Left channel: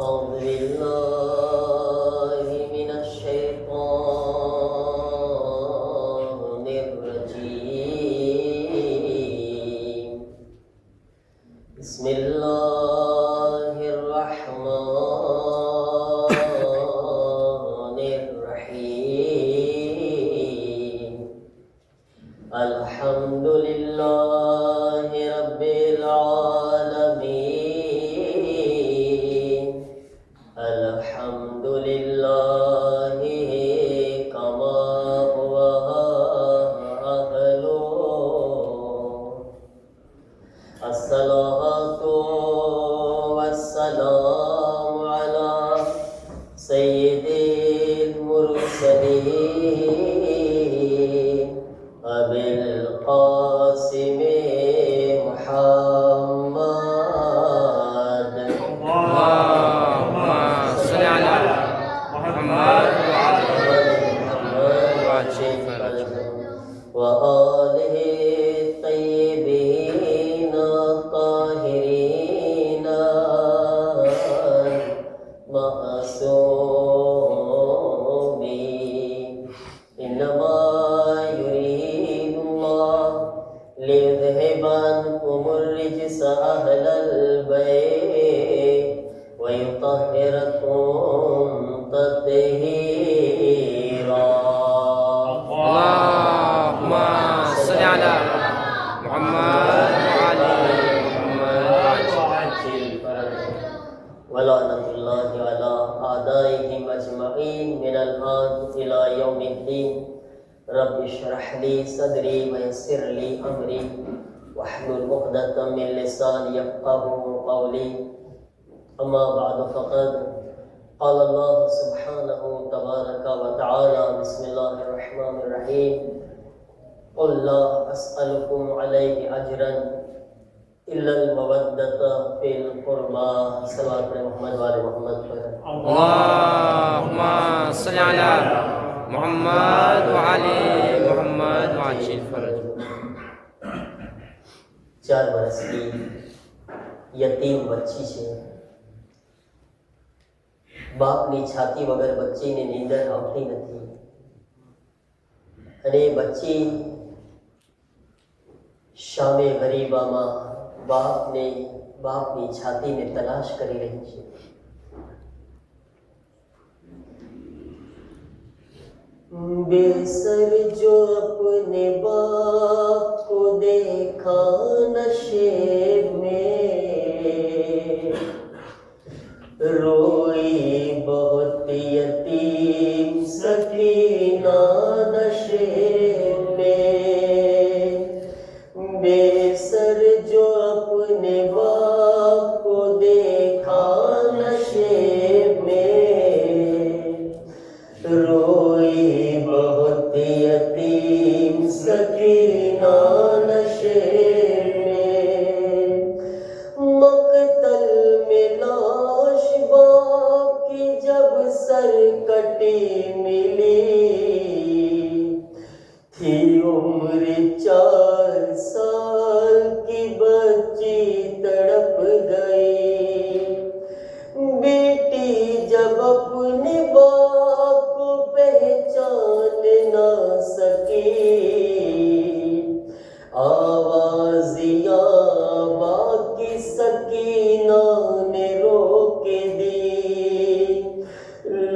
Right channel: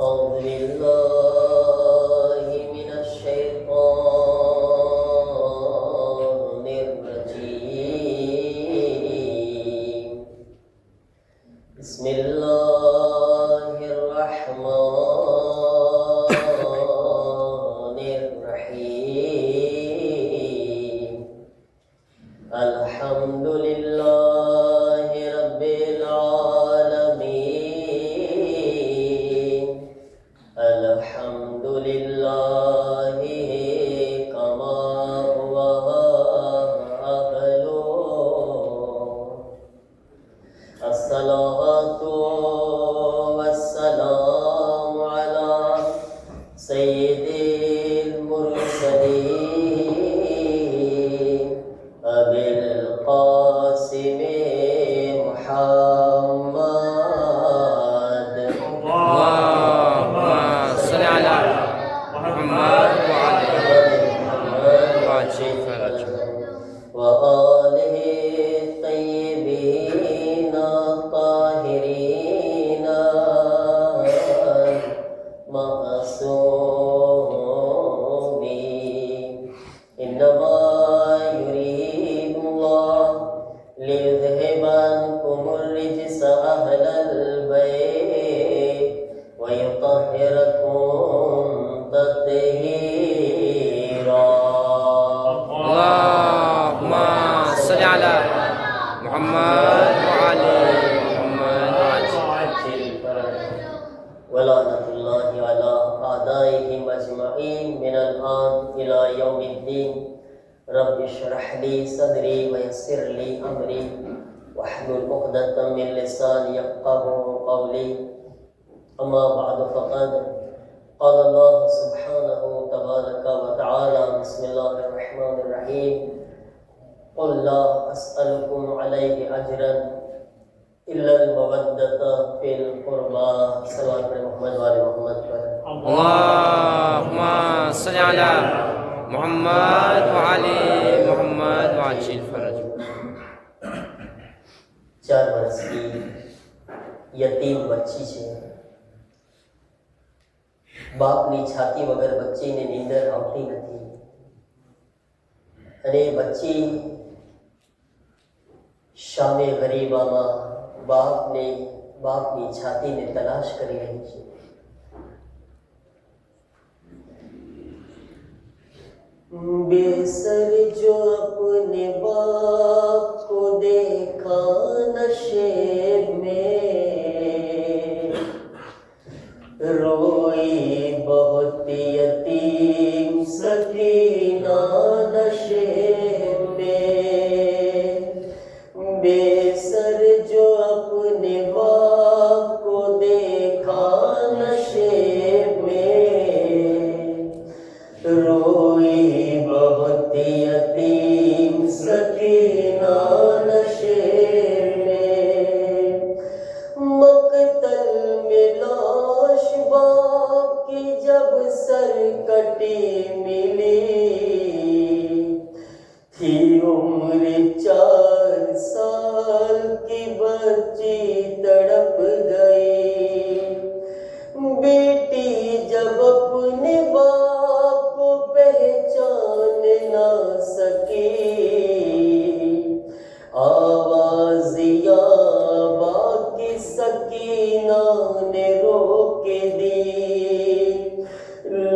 أعوذ بالله من الشيطان الرجيم بسم الله الرحمن الرحيم الحمد لله رب العالمين الحمد لله كما هو أهله الصلاة والسلام على سيد المرسلين أبي القاسم محمد اللهم صل على محمد وعلى وآله الطيبين الطاهرين المعصومين إنما يريد الله ليذهب عنكم الرجس أهل البيت ويطهركم تطهيرا اللهم صل على محمد وعلى محمد ولعنة الله على أعدائهم أجمعين من الآن إلى يوم الدين رب اشرح لي صدري ويسر لي أمري واحلل عقدة من لساني يفقهوا قولي أما بعد فقد قال الله سبحانه تبارك وتعالى بسم الله الرحمن الرحيم قل لا أسألكم عليه أجرا إلا المودة في القربى صلى محمد وآل محمد اللهم صل على محمد وعلى محمد وعجل فرج 4 વર્ષ की यतीम बच्ची છે બાપની છાતી વગર બચ્ચીને નીંદર આવતી નથી અને બચ્ચી સામે ગરીબામાં બાપની છાતીને તલાશ કરી રહી છે बेसर जो अपने बाप को देखा नशे में रोई बहुत यतीम सकीना नशे में बेसर जो अपने बाप को देखा नशे में रोई बहुत यतीम सकीना नशे में मकतल में लाश बाप की जब सरकटी मिली थी उम्र 4 साल की बच्ची तड़प गई बेटी जब अपने बाप को पहचान ना सकी आवाज़िया बाकी सकीना ने रोक दी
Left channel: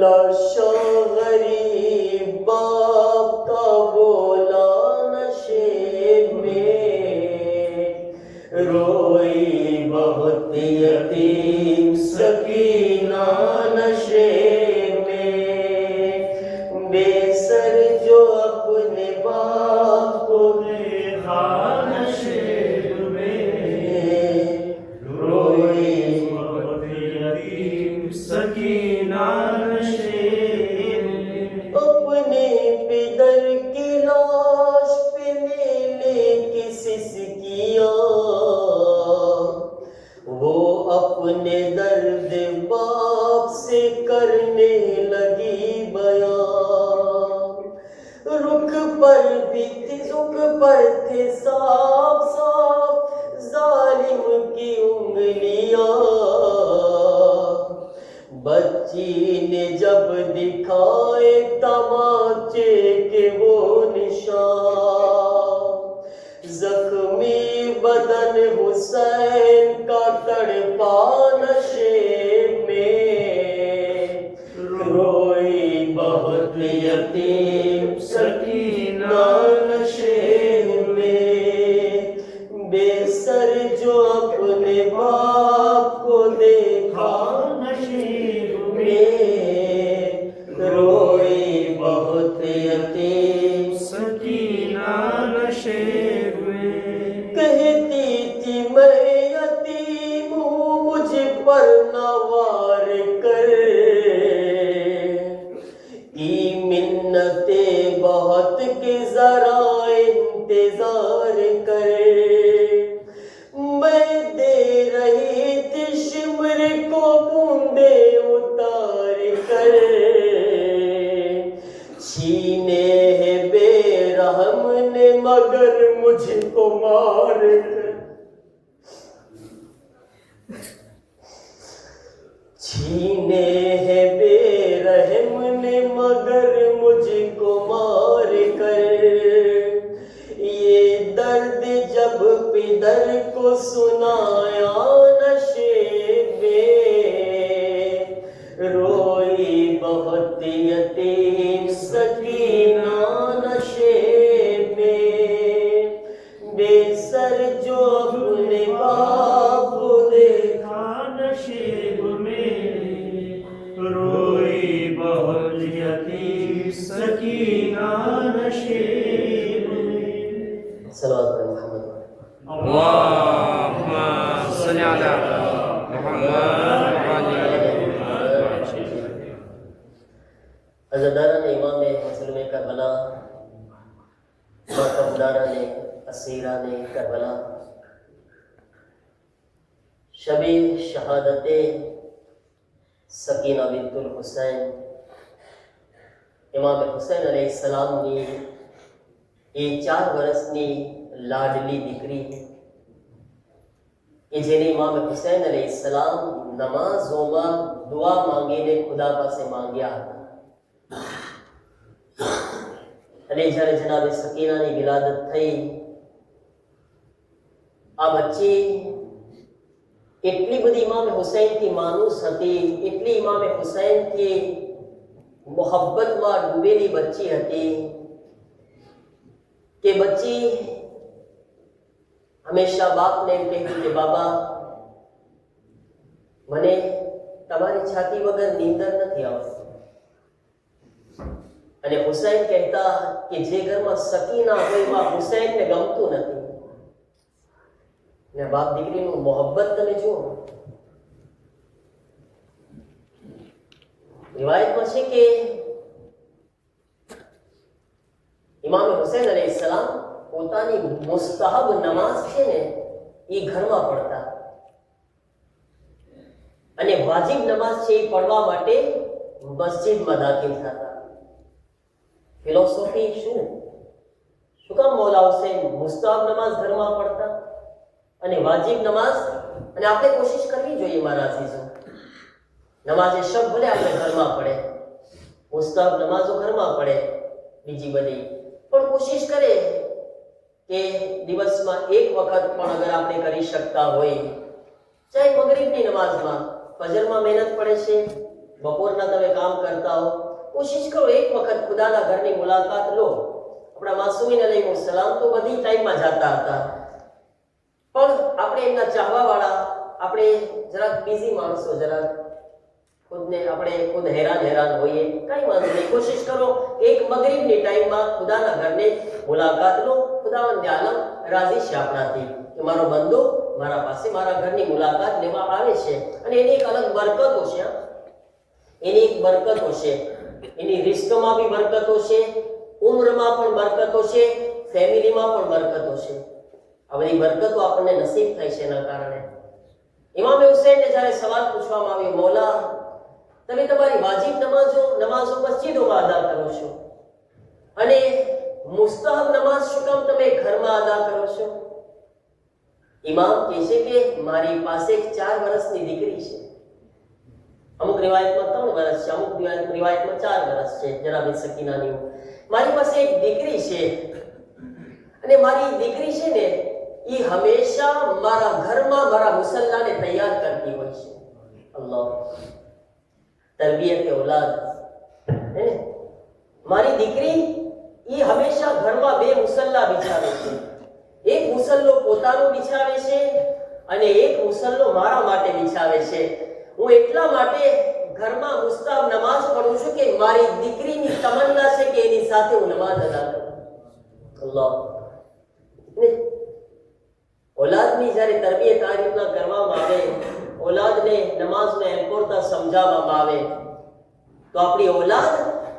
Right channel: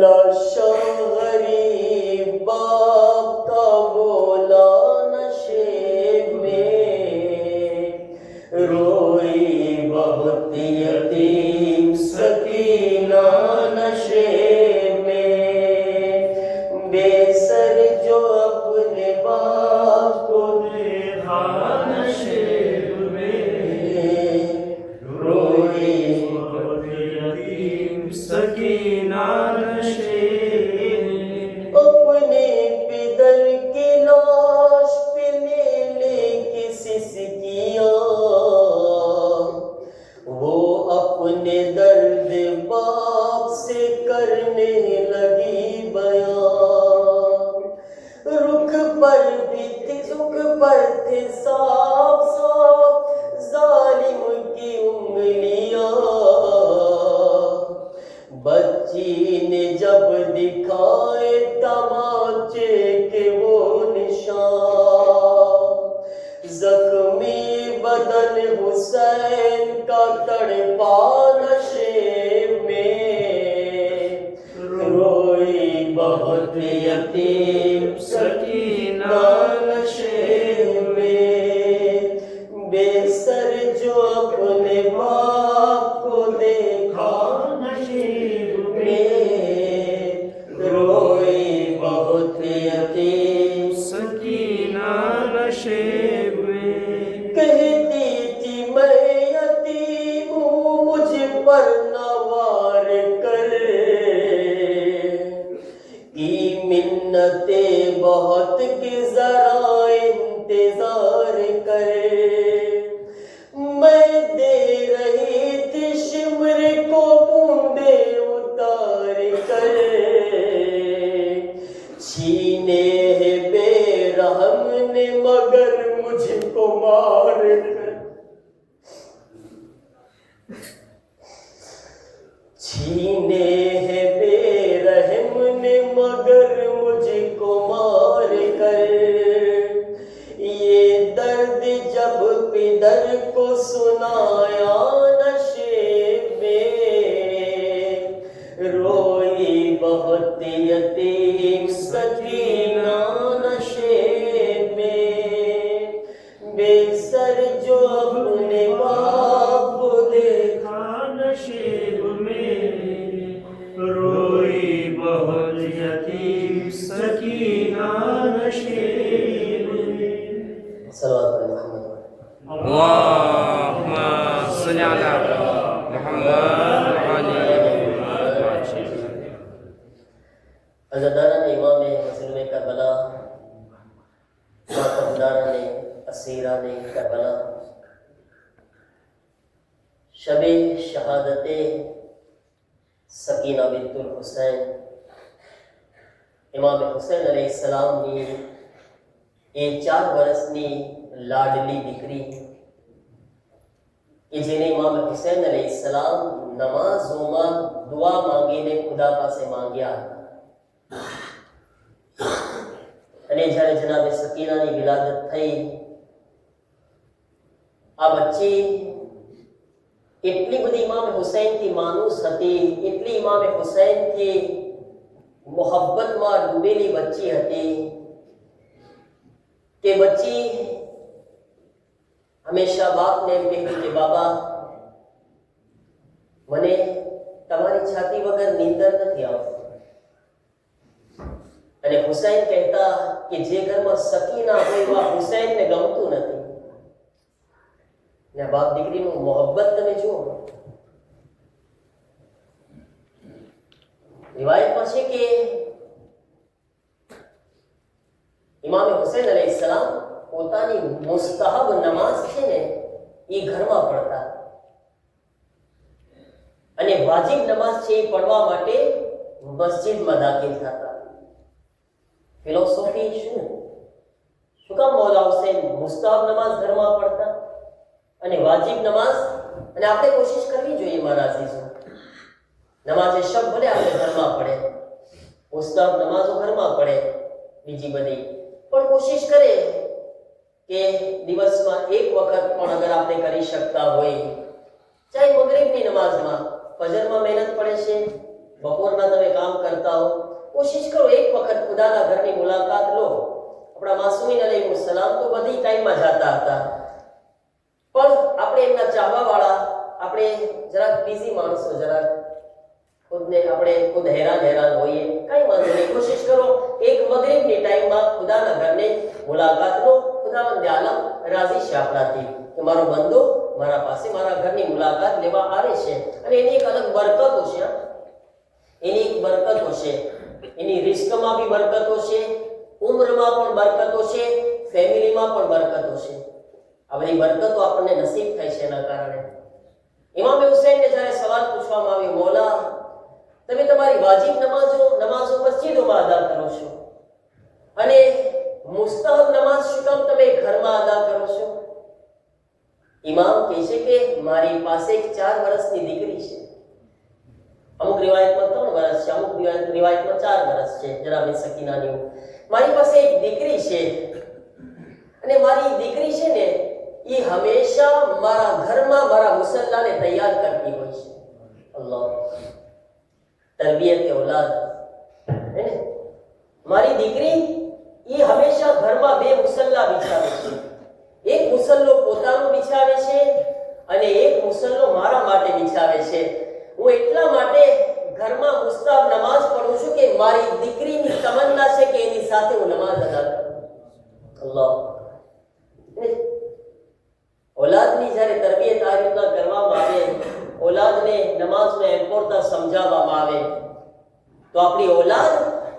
लाशा गरीब बाप का बोला नशे में रोई बहुत यतीम सकीना नशे में बेसर जो अपने बाप को देखा नशे में रोई बहुत यतीम सकीना नशे में अपने पितर की लाश पे ले किसी सिकिया वो अपने बच्ची ने जब दिखाए तमाचे के वो निशान, जख्मी बदन हुसैन का तड़पा नशे में, रोई बहुत यतीम सकीना नशे में, बेसर जो अपने बाप को देखा नशे में, रोई बहुत यतीम सकीना नशे में। कहती थी मैं यतीम हूँ मुझ पर नवार कर, की मिन्नते बहुत की जरा इंतजार कर, मैं दे रही थी शिमर को बूंदे उतार कर, छीने है बेरहम ने मगर मुझको मार कर, छीने है बेरहम ने मगर मुझको मार कर, ये दर्द जब पिदर को सुनाया नशे में, रोई बहुत यतीम सकीना नशे में, बेसर जो अपने बाप को देखा नशे में, रोई बहुत यतीम सकीना नशे में। सल्लल्लाहु अलैहि वसल्लम। अल्लाहुम्मा सल्ली अला मुहम्मद व आलि मुहम्मद। अज़दारान इमाम मुस्लिम करबला, मातमदारान असीरान करबला, शबे शहादत सकीना बिन्तुल हुसैन इमाम हुसैन अलैहिस्सलामની એ 4 વર્ષની લાડલી દીકરી કે જેને ઇમામ હુસૈન अलैहिस्सलाम નમાઝોમાં દુઆ માંગીને ખુદા પાસે માંગ્યા હતા, અને જ્યારે જનાબે સકીનાની વિલાદત થઈ, આ બચ્ચી એટલી બધી ઇમામ હુસૈનથી માનુસ હતી, એટલી ઇમામ હુસૈનથી મોહબ્બતમાં ડૂબેલી બચ્ચી હતી કે બચ્ચી હંમેશા બાપને એમ કહેતી કે બાબા મને તમારી છાતી વગર નીંદર નથી આવતી, અને હુસૈન કહેતા કે જે ઘરમાં સકીના હોય એમાં હુસૈનને ગમતું નથી, ને બાપ દીકરીનું મોહબ્બત તમે જુઓ। रिवायतમાં છે કે ઇમામ હુસૈન अलैहिस्सलाम પોતાની મુસ્તહબ નમાઝ છે ને એ ઘરમાં પઢતા, અને વાજિબ નમાઝ છે એ પઢવા માટે મસ્જિદમાં દાખલ થતા। ફિલોસોફી શું કામ મૌલા હુસૈન મુસ્તહબ નમાઝ ઘરમાં પઢતા અને વાજિબ નમાઝ? અને આપણે કોશિશ કરવી જોઈએ મારા અઝીઝો, નમાઝે શબ ભલે આપણે ઘરમાં પડે, મુસ્તહબ નમાઝો ઘરમાં પડે, બીજી બધી પણ કોશિશ કરે કે દિવસમાં એક વખત પણ અગર આપણે કરી શકતા હોય, ચાહે મગરિબની નમાઝમાં, ફજરમાં મહેનત પડે છે, બપોરના તમે કામ કરતા હો, કોશિશ કરો એક વખત ખુદાના ઘરની મુલાકાત લો। આપણા માસૂમીન अलैहिस्सलाम તો બધી ટાઈમમાં જતા હતા, પણ આપણે એમના ચાહવાવાળા, આપણે જરાક બીઝી માણસો, જરાક ખુદને આપણે ખુદ હેરાન હોઈએ, કઈ વાંધો નહીં, કોશિશ કરો એક મગરિબની ટાઈમમાં ખુદાના ઘરને મુલાકાત લો। ખુદાવંદ આલમ રાજી છે આપણાથી કે મારો બંદો મારા પાસે મારા ઘરની મુલાકાત લેવા આવે છે, અને એની એક અલગ બરકતો છે, એની એક બરકતો છે, એની રિસ્કમાં બી બરકતો છે, ઉમ્રમાં પણ બરકતો છે, ફેમિલીમાં પણ બરકતો છે। આ બધી બરકતો આપણને નસીબ થાય છે એના કારણે। ઇમામ હુસૈનને જ્યારે સવાલ પૂછવામાં આવ્યો, મૌલા તમે તમારી વાજિબ નમાઝો મસ્જિદોમાં અદા કરો છો, અને મુસ્તહબ નમાઝ શું કામ તમે ઘરમાં અદા કરો છો? ઇમામ કહે છે કે મારી પાસે એક 4 વર્ષની દીકરી છે, અમુક રિવાયતમાં 3 વર્ષ છે, અમુક રિવાયતમાં 4 વર્ષ છે જનાબે સકીનાની. મારી પાસે એક દીકરી છે અને મારી દીકરી છે ને એ હંમેશા મારા ઘરમાં મારા મુસલ્લાને તૈયાર કરતી હોય છે. અલ્લાહ, તરબિયત औलाद હે ને. મારી દીકરી એ હંમેશા ઘરમાં 2 મુસલ્લા બિછાવે છે. એક મુસલ્લો પોતાનો બિછાવે છે અને એક મુસલ્લો મારા માટે બિછાવે છે. હું એટલા માટે ઘરમાં મુસ્તાબ નમાઝ પઢું છું કે મારી દીકરીની તમન્ના છે કે એની સાથે હું નમાઝ અદા કરું. અલ્લાહ, औलादની જ્યારે તરબિયત આ રીતના કરવામાં આવે, औलादને નમાઝને એમ્પોરતા સમજાવવામાં આવે તો આપણી औलाद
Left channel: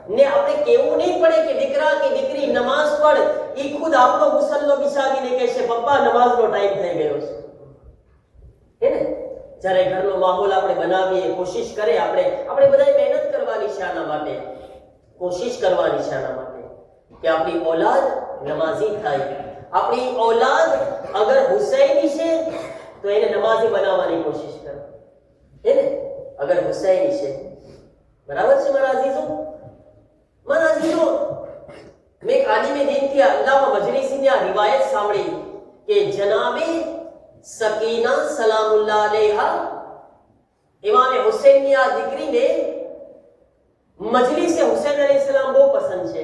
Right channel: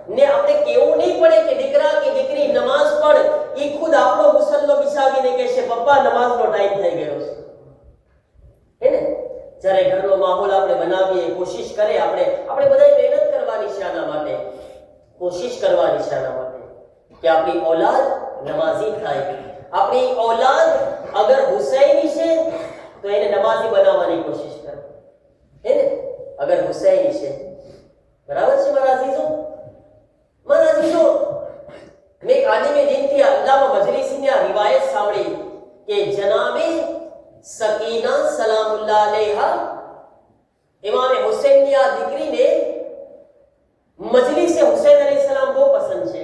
ને આપણે કેવું નહીં પડે કે દીકરા કે દીકરી નમાઝ પઢ, ઈ ખુદ આપણો મુસલ્લો બિછાવીને કહેશે પપ્પા નમાઝનો ટાઈમ થઈ ગયો છે. હે ને. જ્યારે ઘરનો માહોલ આપણે બનાવીએ, કોશિશ કરે આપણે બધાએ મહેનત કરવાની છે આના માટે, કોશિશ કરવાની છે આના માટે કે આપણી औलाद નમાઝી થાય. આપણી औलाद અગર હુસૈની છે તો એને નમાઝી બનાવવાની કોશિશ કરો. હે ને. અગર હુસૈની છે, બરાબર છે મારા અઝીઝો. મારા અઝીઝો, મેં આલિમે દીનથી અલ્લામા મજલિસીની આ રિવાયત સાંભળી કે જનાબે સકીના સલામુલ્લાહ અલૈહા ઇમામ હુસૈનની આ દીકરીને મજલિસે હુસૈન અલૈહિસ્સલામ બહુ પસંદ છે.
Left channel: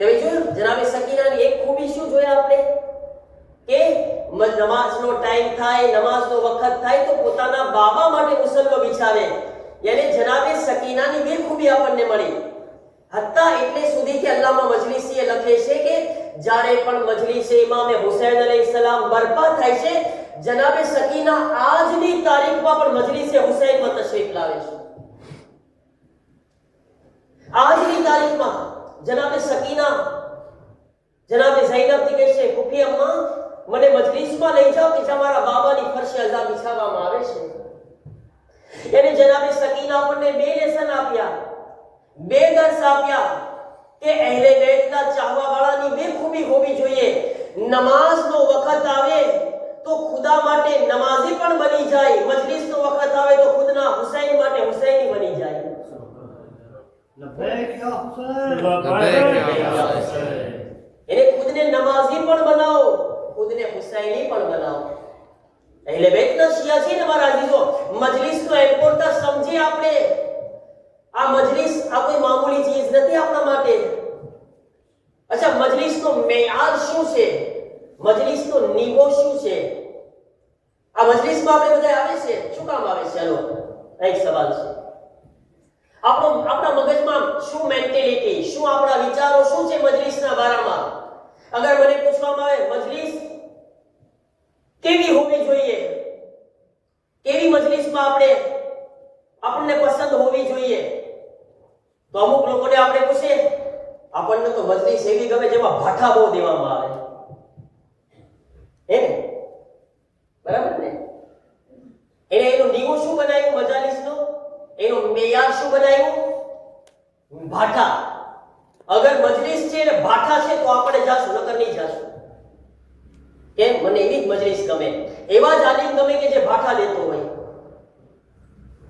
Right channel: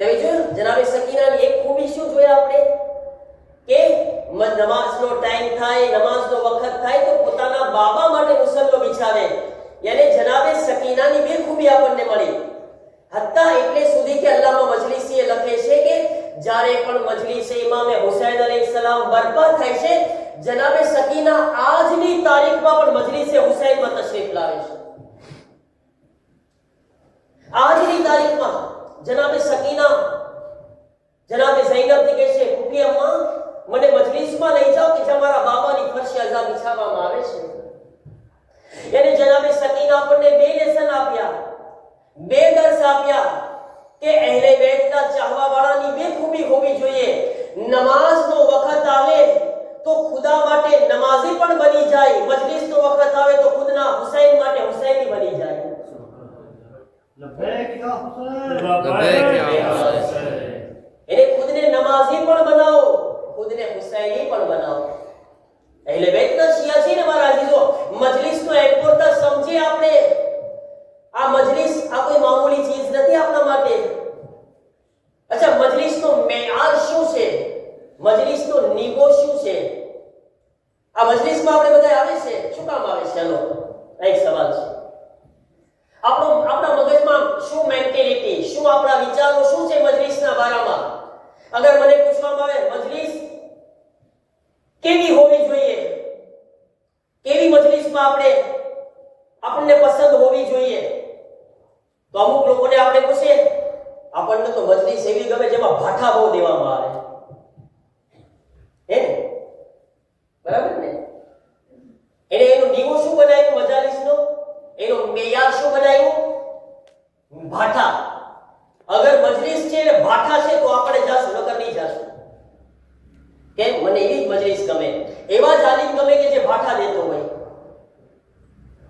તમે જોયું જનાબે સકીનાની એક ખૂબી શું જોયા આપણે કે નમાઝનો ટાઈમ થાય, નમાઝનો વખત થાય તો પોતાના બાબા માટે મુસલ્લો બિછાવે. યાને જનાબે સકીનાની 2 ખૂબી આપણને મળી. હત્તા એટલે સુધી કે અલ્લામા મજલિસીએ લખે છે કે જ્યારે પણ મજલિસે ઇમામે હુસૈન અલૈહિસ્સલામ બરપા થાય છે, જનાબે સકીના આજની તારીખમાં પણ મજલિસે હુસૈનમાં તશરીફ લાવે છે. આજની તારીખમાં જનાબે સકીના જનાબે ઝૈનબને કહે છે ફૂફી અમ્મા મને મજલિસમાં લઈ જાઓ કે જ્યાં મારા બાબાની ફરશી અઝા બિછાવવામાં આવે છે. યાની જનાબે સકીના આપણને 2 લેસન આપ્યા, 2 દર્સ આપ્યા કે અહેલે બેતના ચાહવાવાળાની 2 ખૂબી હોવી જોઈએ. નમાઝનો વખત આવે તો ખુદા માટે નમાઝી પણ બની જાય, મજલિસનો વખત આવે તો ખુદના હુસૈન માટે હુસૈની બની જાય. લબૈક યા હુસૈન, લબૈક યા હુસૈન. એને ખુદને નમાઝી પણ બનાવો, ખુદને હુસૈની પણ બનાવો. અહેલે બેતના શિયા છે ને મારા અઝીઝો, મજલિસનો એમ્પોરતા સમજી આપણે. આ મજલિસ આ કોઈ મામૂલી ચીજ નથી આપણા માટે. અચ્છા, મજલિસનો મેયાર શું છે, મજલિસનો નિવો શું છે? આ મજલિસમાં આપણે બધા આવે છે શું કામ આવે છે? ચાલો એક સવાલ છે. આપણા મગજમાં શું મેન્ટેલિટી, શું આપણા વિચારો શું છે મજલિસના બારામાં? અગર મને પૂછવામાં આવે મજલિસ કેવી હોવી જોઈએ, કેવી મજલિસમાં આપણને પસંદ હોવી જોઈએ, તો અમુક લોકોને આપણે પૂછે આપણને તો મજલિસ એવી ગમે જેમાં ભાઠા બહુ દેવામાં આવે. હે ને? બરાબર ને? એનો નિવો શું બનાવ્યું મજાલિસનો? એનો મેયાર શું બનાવ્યું? ભાઠા. અગર મજલિસ છે ને ભાઠા છે તો આપણે જાશું, નકર નહીં જાશું. કેમ? મને એવી જ મજલિસ ગમે, એવા જ આલિમ ગમે કે જે ભાઠા દેતો હોય.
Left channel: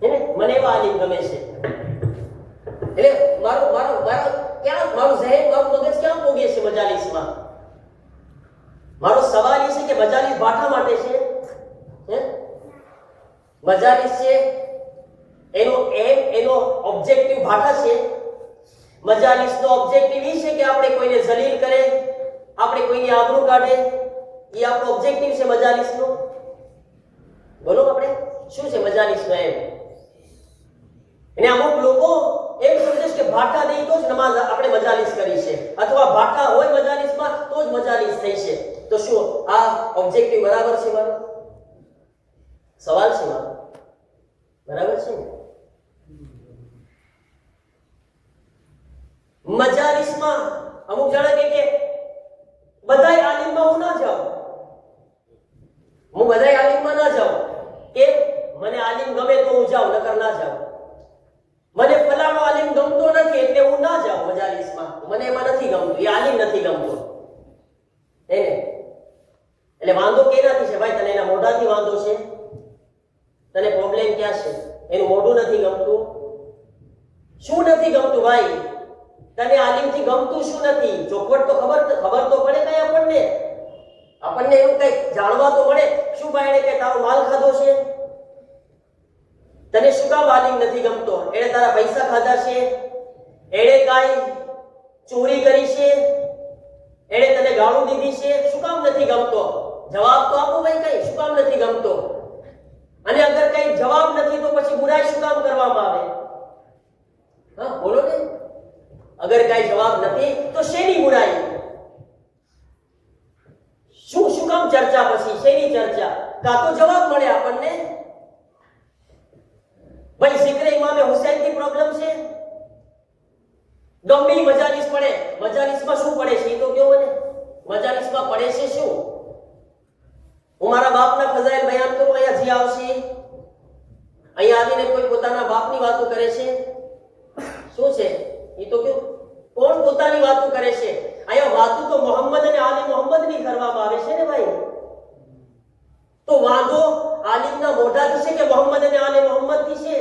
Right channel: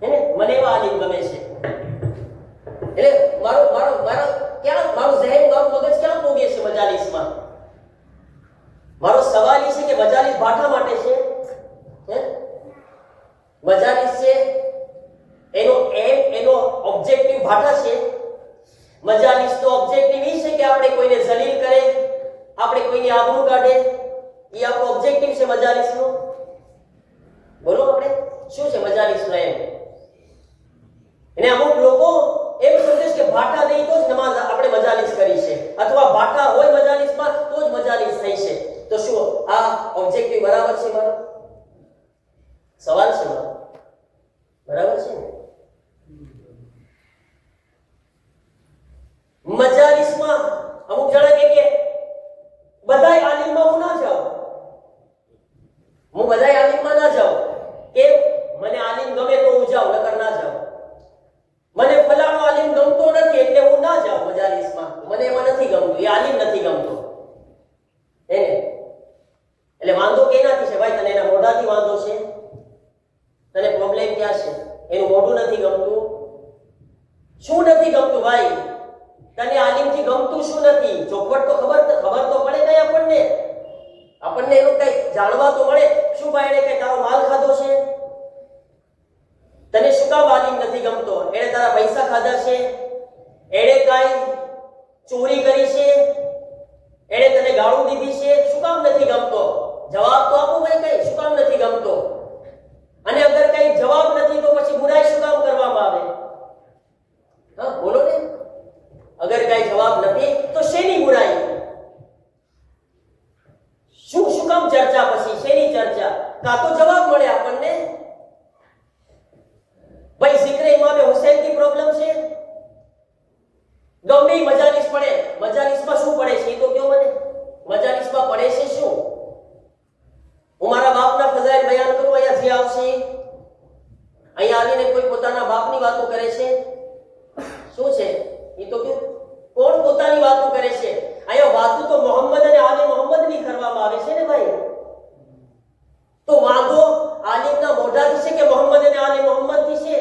હે ને? મને એવા આલિમ ગમે છે. એટલે મારું ઝહેન, મારું મગજ ક્યાં પોગે છે મજાલિસમાં? મારો સવાલ એ છે કે મજાલિસ ભાઠા માટે છે? હે? મજાલિસ છે એનો ઓબ્જેક્ટિવ ભાઠા છે. મજાલિસનો ઓબ્જેક્ટિવ એ છે કે આપણે કોઈને જલીલ કરે, આપણે કોઈની આબરૂ કાઢે, એ આપણો ઓબ્જેક્ટિવ છે મજાલિસનો. બોલો આપણે શું છે મજાલિસનો એમ? અને અમુક લોકો એમ સમજે છે કે ભાઠા નહીં તો જ નમાઝ આપણે મજાલિસ કરી છે, અથવા ભાઠા હોય મજાલિસમાં તો જ મજાલિસ થઈ છે. તો શું આ ઓબ્જેક્ટિવ બરાબર છે મારો? સવાલ છે મારો, બરાબર છે ને? મજાલિસમાં અમુક જણા કે બધાય આલિમમાં હું ના જાઉં, હું બધાય આલિમમાં ના જાઉં. કેમ? મને આલિમ ગમે તો હું જાઉં, નકર ના જાઉં. મને ફલાણો આલિમ ગમતો નથી એટલે હું ના જાઉં મજાલિસમાં, મને એમાં નથી ગમતું, એ આલિમ નથી ગમતો. એને એટલે વાંધો કેનાથી છે ભાઈ? તને એના મોઢાથી વાંધો છે? તને પ્રોબ્લેમ ક્યાં છે? એનું મોઢું નથી ગમતું? શું નથી ગમતું ભાઈ? તને આલિમથી ગમતું શું નથી? ચોખવટ તો ખબર તો પડે કઈ આપણને એનું કઈ જાણવા તો મળે. શું ભાઈ એને કઈ તારો માલ ખાધો છે? તને શું કામ આલિમ નથી ગમતો? એને તારા પૈસા ખાધા છે? એને કાઈ ચોરી કરી છે? એને તને ગાળું દીધી છે? શું કામ નથી ગમતો? જવાબ તો આપો ભાઈ, કઈ શું કામ નથી ગમતો? અને અગર કઈ જવાબ નથી તો પછી બુરાઈ શું કામ કરવામાં આવે? હા બોલો ને. અગર કઈ જવાબ નથી તો શેની બુરાઈ? શું કામ ચર્ચા? પછી શેની ચર્ચા? કા તો જવાબ મળે આપણને. ભાઈ zikre ઇમામે હુસૈન की પ્રોબ્લેમ છે. ગમે મજાલિસ પડે, મજાલિસમાં શું પડે છે તો કયો મને? મજાલિસમાં પડે છે શું? હું મારા બાપના ફઝાઇલ બયાન કરું, અહીંયા જે આવશે અહીંયા આવીને કોઈ પોતાના બાપની વાતો કરે છે. શું છે એ તો કયો? કોણ પોતાની વાતો કરે છે? અહીંયા વાતો તો મોહમ્મદ અને આલે મોહમ્મદની કરવામાં આવે છે ને ભાઈ. તો વાંધો આલિમના મોઢાથી છે કે મોહમ્મદ અને આલે મોહમ્મદથી છે?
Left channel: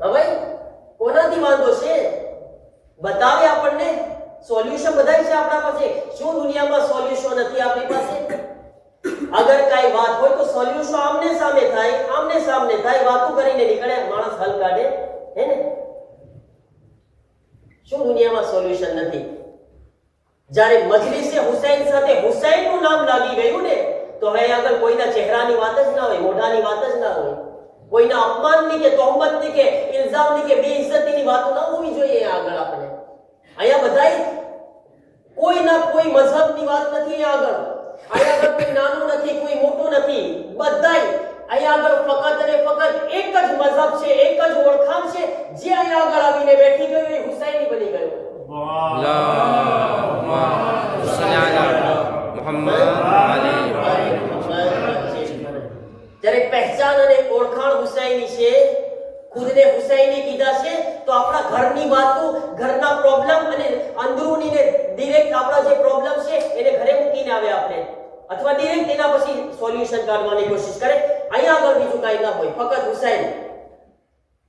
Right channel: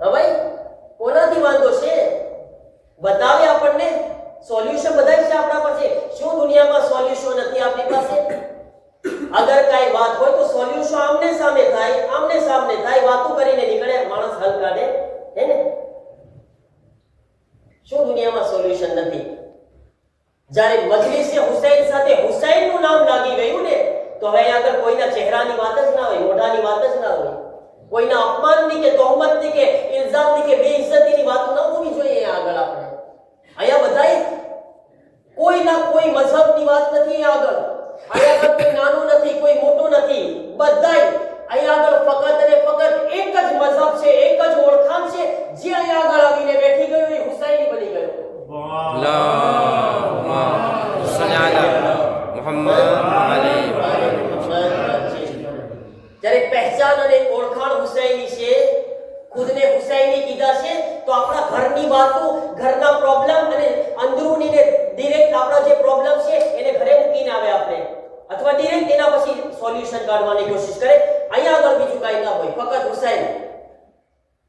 હા ભાઈ, કોનાથી વાંધો છે? બતાવે આપણને. સોલ્યુશન બધાય છે આપણા પાસે. શું દુનિયામાં સોલ્યુશન નથી આપણી પાસે? અગર કઈ વાત હોય તો સોલ્યુશન આમને સામે થાય. વાતો કરીને નીકળે માણસ, હલ કાઢે, હે ને? શું દુનિયામાં સોલ્યુશન નથી? જ્યારે મજલિસે હુસૈન સાથે હુસૈનનું નામ લાગી ગયું ને, તો હવે આગળ કોઈના ચહેરાની વાત જ ના હોય, મોઢાની વાત જ ના હોય. કોઈના અપમાનની કે તોહમતની કે ઇલ્ઝામની કે બેઇજ્જતીની વાત ન હોવી જોઈએ. આગળ આપણે અહીંયા બધાય કોઈના કોઈ મઝહબની વાત નથી. આગળ અહીંયા આગળ કોઈ નાનું નથી, કોઈ મોટું નથી. બધાય અહીંયા આગળ ફક્ત અને ફક્ત એક જ મઝહબ છે, એક જ ઓળખાણ છે. જે અહીંયા આગળ આવીને બેઠી ગયો એ હુસૈની બની ગયો. અલ્લાહુમ્મા સલ્લી અલા મુહમ્મદ. જ્યારે પહેચાન અને ઓળખાણ હુસૈની છે, ખુદને હુસૈની કીધા છે, તો આપણા ઘરની વાતો, ઘરના પ્રોબ્લેમ અને અંદરૂની ને ડિરેક્ટ આપણા જે પ્રોબ્લેમ છે એને ઘરે મૂકીને આવે આપણે, અથવા ડિરેક્ટ એના પછી સોલ્યુશન કાઢવાની કોશિશ કરે. અહીંયા આગળ બીજું કાંઈ ના હોય, ફક્ત હુસૈન.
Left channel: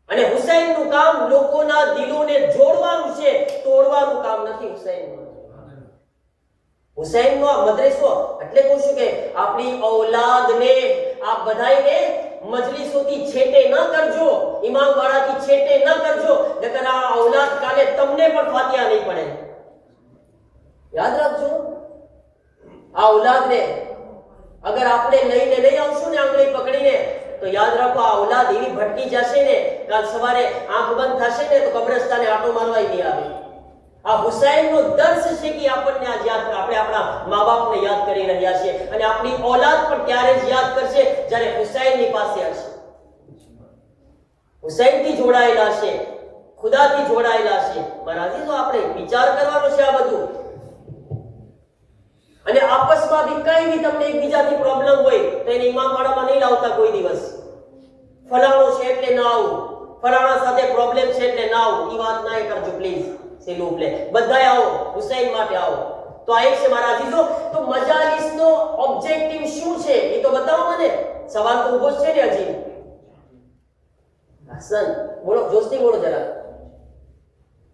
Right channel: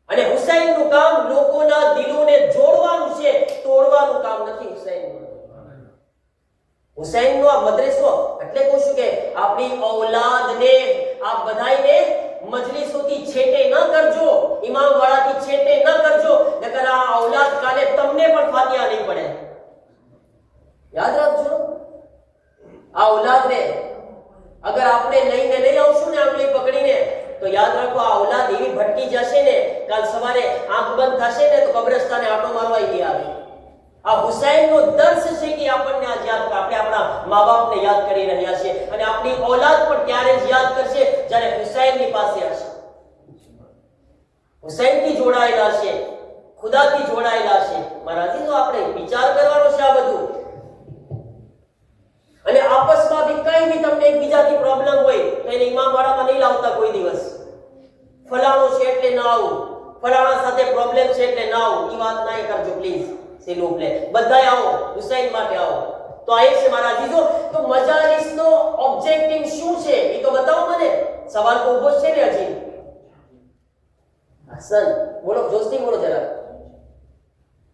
અને હુસૈનનું કામ લોકોના દિલોને જોડવાનું છે, તોડવાનું કામ નથી હુસૈનનું. હુસૈનનો આ મદ્રેસો એટલે કહું છું કે આપણી ઔલાદને, આપ બધાયને મજલિસોથી છેટે ન કરજો, ઇમામ વાળાથી છેટે ન કરજો, નકર આ ઔલાદ કાલે તમને પણ ફાતિહા નહીં પડે. યાદ રાખજો. આ ઔલાદને અગર આપણે લઈને નહીં આવશું ને આંગળી પકડીને, તો યાદ રાખો આ ઔલાદ એવી ભટકી જશે ને, કાલ સવારે આંખ બંધ થશે ને તો કબ્રસ્તાને આટો મારવા નહીં આવે. આ હુસૈનનો દર્શ છે કે આપણને આજ યાદ, આપણે આપણા મા બાપને યાદ કરી રહ્યા છે, અને આપણી ઔલાદ પણ ત્યારે જ યાદ કરશે જ્યારે હુસૈનની પાસે હશે, હુસૈનથી જોડાયેલા છે, ખુદાથી જોડાયેલા છે. મારાથી તો આપણે વિચાર કરવાનો છે આ બધું. અને આપસમાં બી કઈ બી તમને એકબીજાથી પ્રોબ્લેમ હોય તો એને ઇમામ વાળામાં નહીં લાવતા કોઈ દિવસ. ફલાણો છે એટલે ના આવું, ફલાણા સાથે પ્રોબ્લેમ છે એટલે ના આવું, એ વાત ના કરજો પ્લીઝ. બધાય આવો, હુસૈન માટે આવો. તો આ છે મારા અજીઝો. તો મજાલિસનો ઓબ્જેક્ટિવ શું છે એ તો બતાવો મને. સવાલ તો ઊભો છે ને હજી. હસન બોલો, જોશથી બોલો જરા.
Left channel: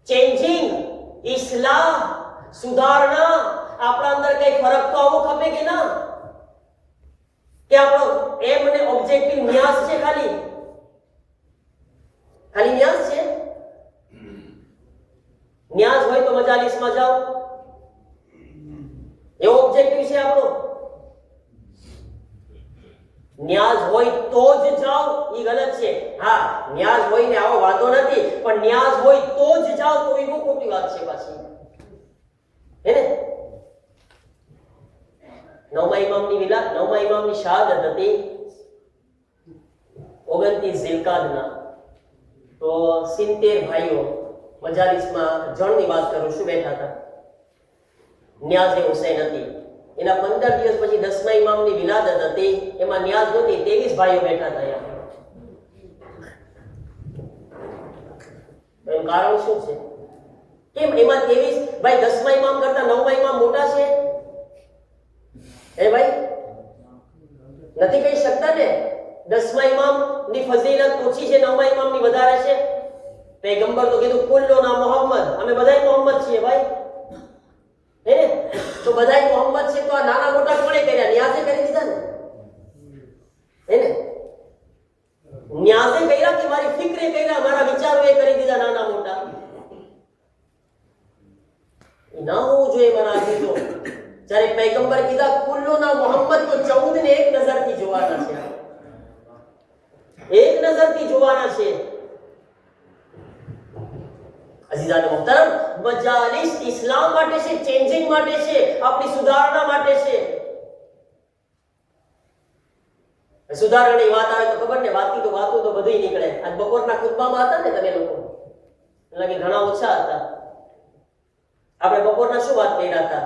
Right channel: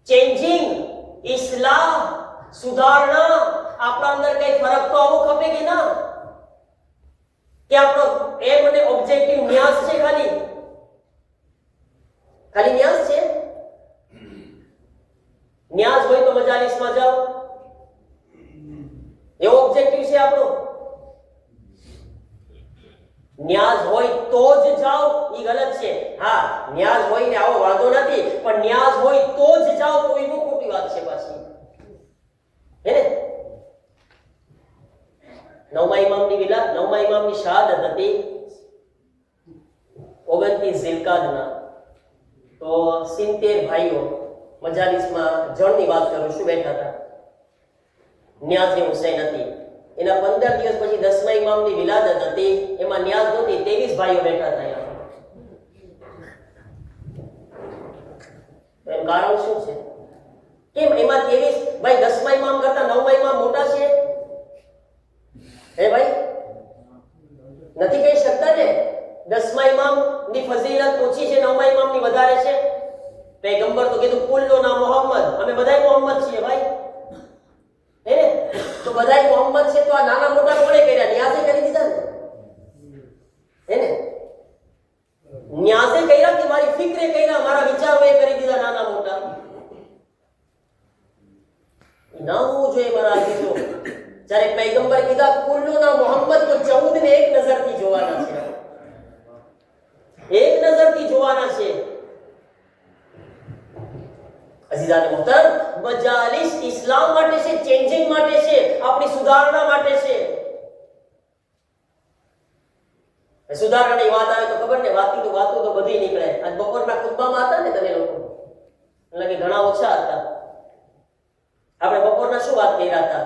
ચેન્જિંગ, ઇસ્લાહ, સુધારણા. આપણા અંદર કઈ ફરક તો આવો ખપે કે ના? કે આપણો એમ અને ઓબ્જેક્ટિવ ન્યાસ છે? ખાલી ન્યાસ છે? ન્યાઝ હોય તો મજાલિસમાં જાઓ, એવો ઓબ્જેક્ટિવ છે આપણો. ન્યાઝ હોય તો જ જાઓ એ ગલત છે. હા, ન્યાઝ હોય ને આવો વાંધો નથી, પણ ન્યાઝ હોય તો જ જાઓ તો એ બહુ ખોટી વાત છે પાછી, હે ને? નવમા ઇમામની શહાદત હતી 29 ઝિલકાદના. તો 70 ભાઈઓ મજાલિસમાં જણની વાત કરું છું બેઠા હતા. નિયાઝ હુસૈન હતી. એના 15 દિવસ પછી 10મા ઇમામની વિલાદત હતી, એમાં નિયાઝ નહોતી, 23 ભાઈઓ બેઠા હતા. એમ કારણ શું છે? કેમ એમાં 23 ભાઈ 10મા ઇમામ કરતા 9મા ઇમામ મોટા છે? હે ભાઈ, નથી કહી શકતા ને? 10મા ઇમામની ફઝીલત ઓછી છે, 9મા ઇમામની વધારે છે? પૈગંબર તો કીધું કુલ્લુ ના મોહમ્મદ, અમે બધાય મોહમ્મદ છીએ ભાઈ, હે ને? તો બધાય મોહમ્મદ છે, તો આ નાના મોટા કોણે કર્યા? નિયાઝે કરી દીધા ને, હે ને? નિયાઝે કર્યા કે મારી ફિક્રે કર્યા, મારા વિચારોએ કરી દીધા નાના મોટા? ના હોવું જોઈએ મારા અજીજો. જ્યારે પૈગંબર કીધા કુલ્લુ ના મોહમ્મદ, તો 14 ને એક નજરથી જોવાના છે, એક નજરથી જોવાના છે. અઝીઝાન મુહતરમ, મજાલિસ ઇસ્લામ માટે છે, ચેન્જિંગ માટે છે, આપણી સુધારણા માટે છે. સુધારણાની વાત આવે તો ખબર ને, વાતો તો બધી નીકળે. આજ બપોરના ખુતબામાં હતા ને તમે લોકો, એટલે કે ઘણા ઓછા હતા. આપણે બપોરના શું વાત કર્યા હતા?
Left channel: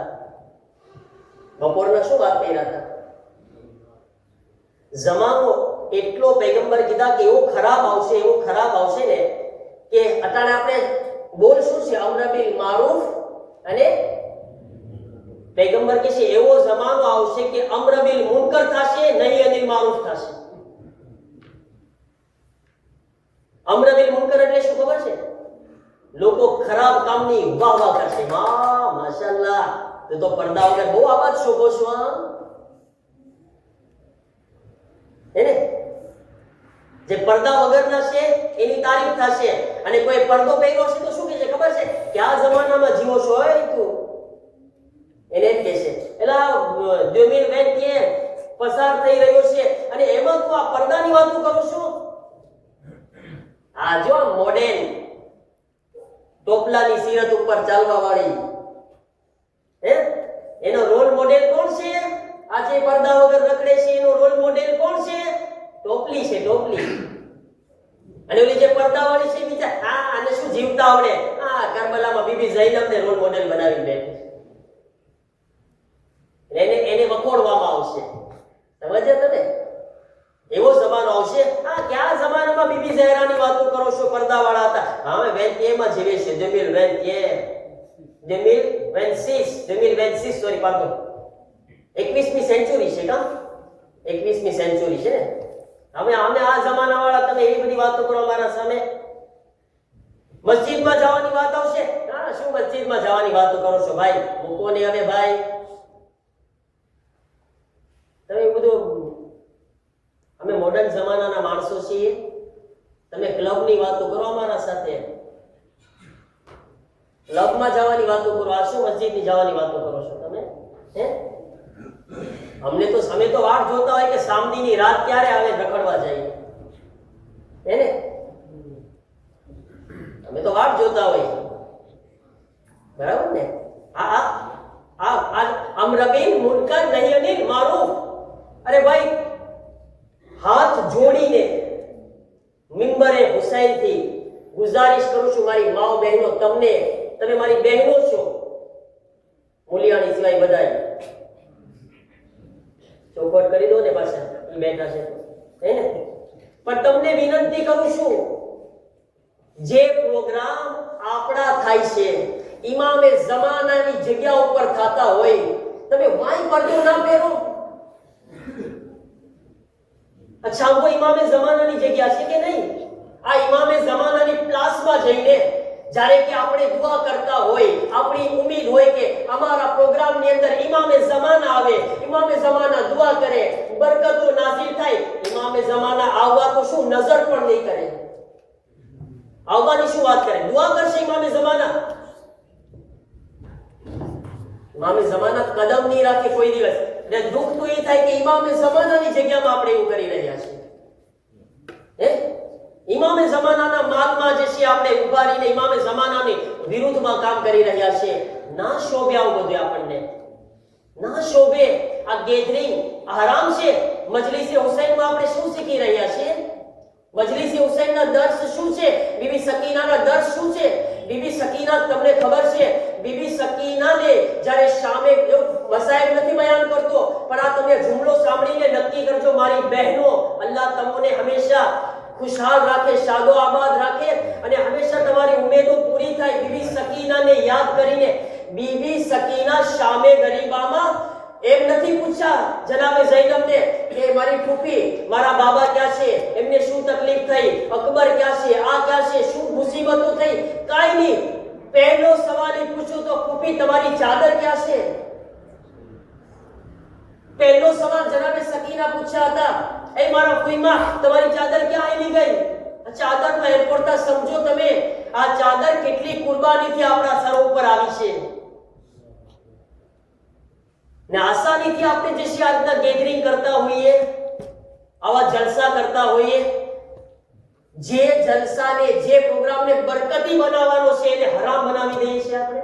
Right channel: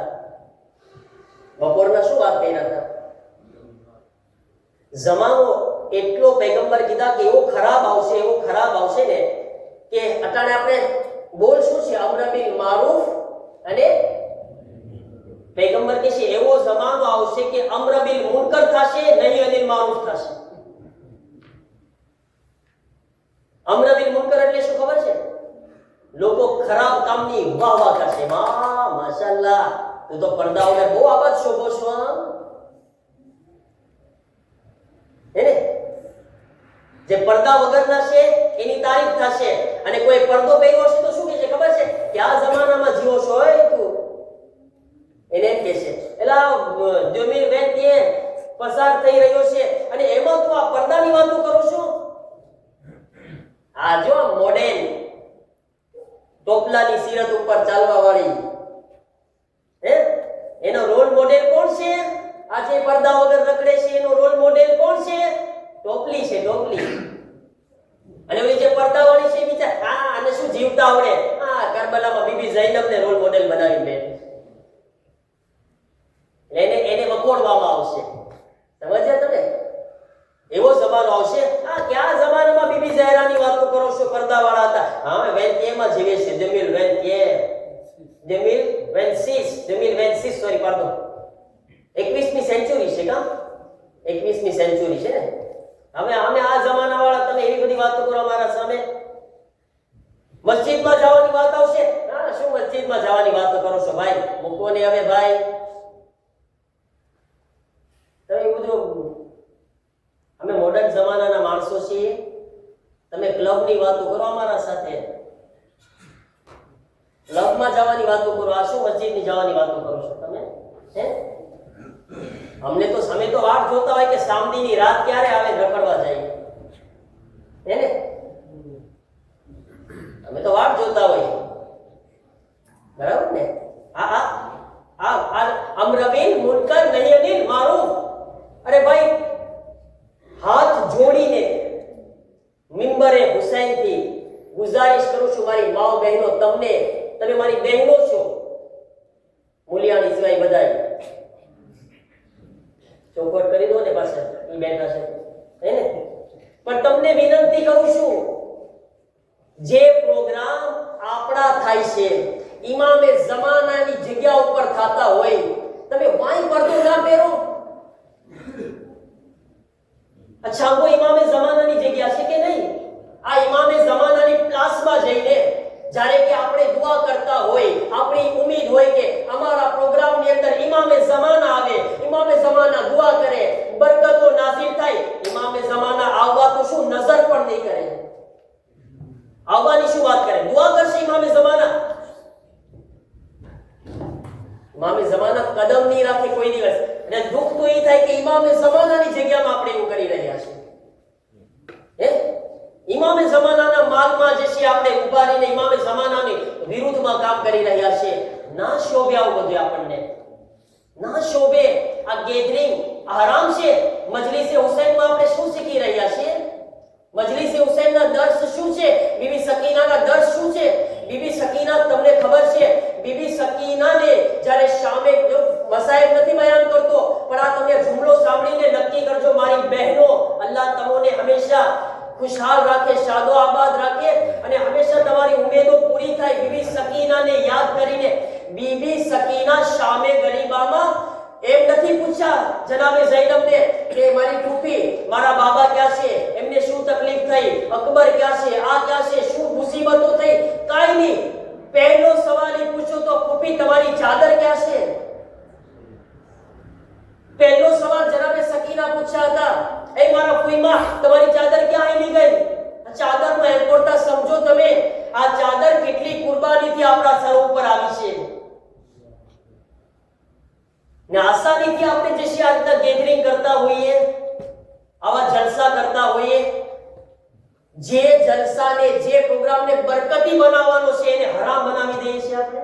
જમાનો એટલો પૈગંબર કીધા કે એવો ખરાબ આવશે ને કે અટાણે આપણે બોલ શું છે? અમ્ર બિલ મારૂફ, અને પૈગંબર કહે છે એવો જમાનો આવશે કે અમ્ર બિલ મુનકર થશે, નહીં અનિલ મારૂફ થશે. અમ્ર બિલ મુનકર એટલે શું ખબર છે? લોકો ખરાબ કામની વાહ કરશે. માશાઅલ્લાહ, તો પડદા વગર બહુ આબાદ શોભો છો, હે ને? જે પડદા વગરના છે એની તારીફ થશે, અને કોઈ પડદો પહેર્યો છે તો શું કહે છે ખબર છે? કે આ જમાનામાં જીવો છો તું, એને એમ કહે છે એલા 2021 પસાર થઈ રહ્યો છે અને એમાં તું આ પડદાની વાતો કરો છો? આ જો મોડેલ ટોપલાની સિરત ઉપર ચાલવા વાળી, હે, એનો રોલ મોડેલ કોણ છે? આજે પડદા વગર રખડે છે એનો રોલ મોડેલ કોણ છે? ટોપલી છે, ટોપલી. અને ઓલી જે પડદા વાળી છે બીજા, આને શું જીવતા આવડે? કરબલામાં બીબી ઝૈનબને રોલ મોડેલ બનાવી બેઠી, એને વખોડવામાં આવશે. સમજ્યા તમે? એવો જમાનો આવશે. ક્યાં જમાનામાં બીબી ઝહેરાની વાતો કરો છો? પડદા વાળા હતા. હા, 21 જીવે છે. 2026 સોરી, પાડો, 21મી સેન્ચુરી છે. કામ 21મી સેન્ચુરી છે ને. હવે અમે આ જમાના વાળા, તમે એવી બધી વાતો કરો અમારા સામે. મસ્જિદમાં જવાની વાત આવશે. શું મસ્જિદમાં જવાની વાતો કરો છો ભાઈ? મૂકો ને હવે ભાઈ. તમે બધું, અમે મોડર્ન જમાનાના માણસો છીએ. તમે ક્લબની વાતો કરો અમારા સાથે, ક્લબમાં જવાની વાતો કરો. આ શું મસ્જિદની જવાની વાતો કરો છો તમે? હે, અમે તો વાટ જોતા હોય કે સામદીની રાત ક્યારે આવે, રખડવા જાય, હે ને? અમે તો વાટ જોતા હોય, બરાબર ને? અમ્ર બિલ મુનકર, નહીં અનિલ મારૂફ. અરે ભાઈ, હાથ જોડીને મિંબરે હુસૈનથી ગુજારિશ કરું છું, મારી માઓ બહેનો, તમે મારી બહેનો છો, મૂલિયાની સિવાય બધાય ચોખવટ કરી દો ને પાછા, ઈ બેઠા છે, હે ને? પણ તમને વિનંતી કરું છું, જે પ્રોગ્રામ આપણા થાય છે ઇમામે જમાનાની જગ્યા ઉપર થતા હોય, તમે વાઈ પડદો ના પહેરો. અચ્છા, કોઈ ઇમામે જમાનાની જગ્યા છે કે નહીં? આ ઇમામે જમાનાની પ્લાસમાં જઈને જ્યારે કે આપણે દુઆ કરતા હોય, આપણી ઉમ્મીદ હોય કે અમારા પ્રોગ્રામની અંદર ઇમામે જમાના આવે, ઇમામે જમાના દુઆ કરે, બરકતો નાઝિલ થાય. ઇમામે જમાના આવવા તો શું, નજર પણ નહીં કરે. આવવાની શું વાત કરે? દુઆ કરશે ઇમામે જમાના. ઇમામે જમાના કદમ નહીં રાખે કોઈ દિવસ. એટલે દુઃખ તો એ થાય કે ઇમામે જમાનાની જગ્યામાં આપણે એવું કરી રહ્યા છીએ, હે? ઇમામે જમાનાના માલમાં જે છે આપણે ઉભા રહીને ઇમામે જમાનાની વિરુદ્ધમાં કામ કરી રહ્યા છીએ. ના શોભે આવું બધું, આપણને ના શોભે. આ ગેધરિંગ આરામ છે. મજલિસે હુસૈનમાં આપણે શું શીખી રહ્યા છીએ? મજલિસે હુસૈનના દર્સ શું છે? બીબી સકીનાના દર્સ શું છે? બીબી સકીના, તમને ખબર છે, બીબી સકીનાને જ્યારે શામે, મસાયબ નથી બયાન કરતો, પણ આ તમે જુમલો સાંભળીને નક્કી કરજો, મારી બહેનો, અલ્લાહ તમને હંમેશા ખુશહાલ રાખે, શાદો આબાદ રાખે, અને હંમેશા તમારી ઉમેદો પૂરી થાય. બીબી સકીનાને યાદ કરીને, બીબી સકીના શામે ગરીબામાં એમ નથી પૂછ્યા જનાબે ઝૈનબને કે મારી ફૂફી, મારા બાબા ક્યાં છે, એમને શું તકલીફ થઈ, અકબર ક્યાં છે, આ ક્યાં છે, શું મુસીબતો થઈ, કાઈ નહીં. પહેલો સવાલ એ પૂછો તો ફૂફી તમારી ચાદર ક્યાં છે? પહેલો સવાલ જનાબે સકીના પૂછ્યા હતા, એ મારા ફૂઈમાં તમારી ચાદર ક્યાં આવી ગઈ? ચાદરનો એરપોર્ટતા સમજો તમે, આ ચાદર કેટલી કુરબાનીથી આપણા સર ઉપર આવી છે. ને આસાનીથી આપણે જે છે આજના ગેધરિંગ કરતા હોઈએ, આવા જલસા કરતા હોઈએ, જે જલસાને જે પ્રોગ્રામને બરકતી બનાવવાનો છે એને હરામ બનાવી દઈએ છીએ આપણે.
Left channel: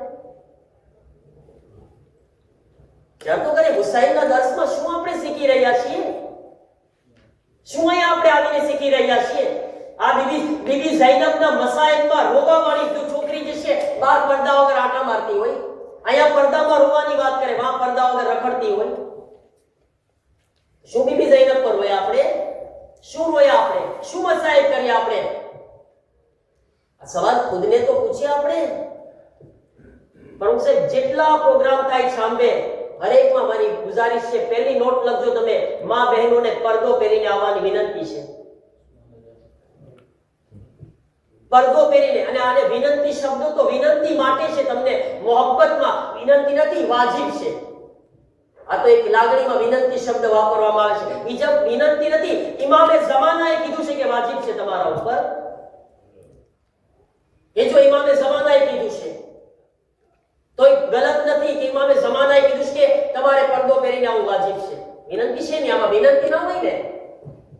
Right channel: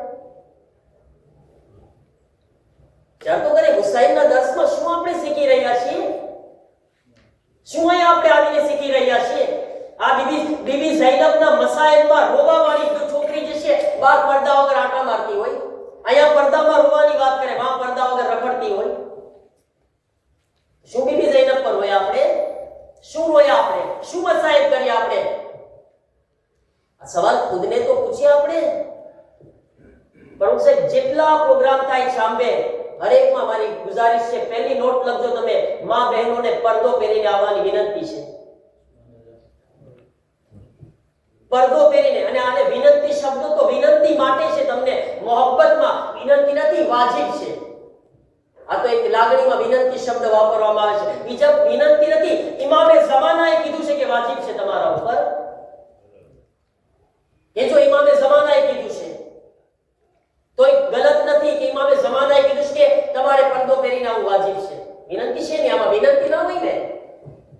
ત્યાર તો કરે હુસૈનના દર્શમાં શું આપણે શીખી રહ્યા છીએ? શું અહીંયા આપણે આવીને શીખી રહ્યા છીએ? આ બીબી ઝૈનબના મસાઈબમાં રોવાવાળી છોકરી જે છે બહાર પડદા વગર આટા મારતી હોય, અહીંયા પડદામાં રોવાની વાત કરે, વહાં પડદા વગર રખડતી હોય. શું બીબી ઝૈનબ પર હોય આપણે? શું હોય આપણે? શું મસાઈબ કરીએ આપણે? આ સવાલ ખુદને તો પૂછીએ આપણે. પણ સાહેબ જેટલા પ્રોગ્રામ થાય સાંભે હરેકમાં મારી ગુજારિશ છે, પહેલી નોટ લખજો તમે, માં બહેનોને પડદો પહેરીને આવવાની વિનંતી છે. પડદો પહેરીને. અને આને વિનંતી શબ્દો તો વિનંતી માટે છે, તમને મોહબ્બતમાં વિનંતી નથી, વાજિબ છે. આ તો એક લાગણીમાં વિનંતી શબ્દ વાપરવામાં આવે છે, બીજા વિનંતી નથી. ઇમામે ઝમાનાએ કીધું છે કે વાજિબ છે તમારા ઉપર. એ જો ઇમામે ઝમાનાએ કીધું છે તો ગલત નથી કે ઇમામે ઝમાનાએ કીધું છે કે તમારે પડદો પહેરીને આવવું વાજિબ છે. વિનંતી છે ને, આમાં વિનંતી ના હોય ને.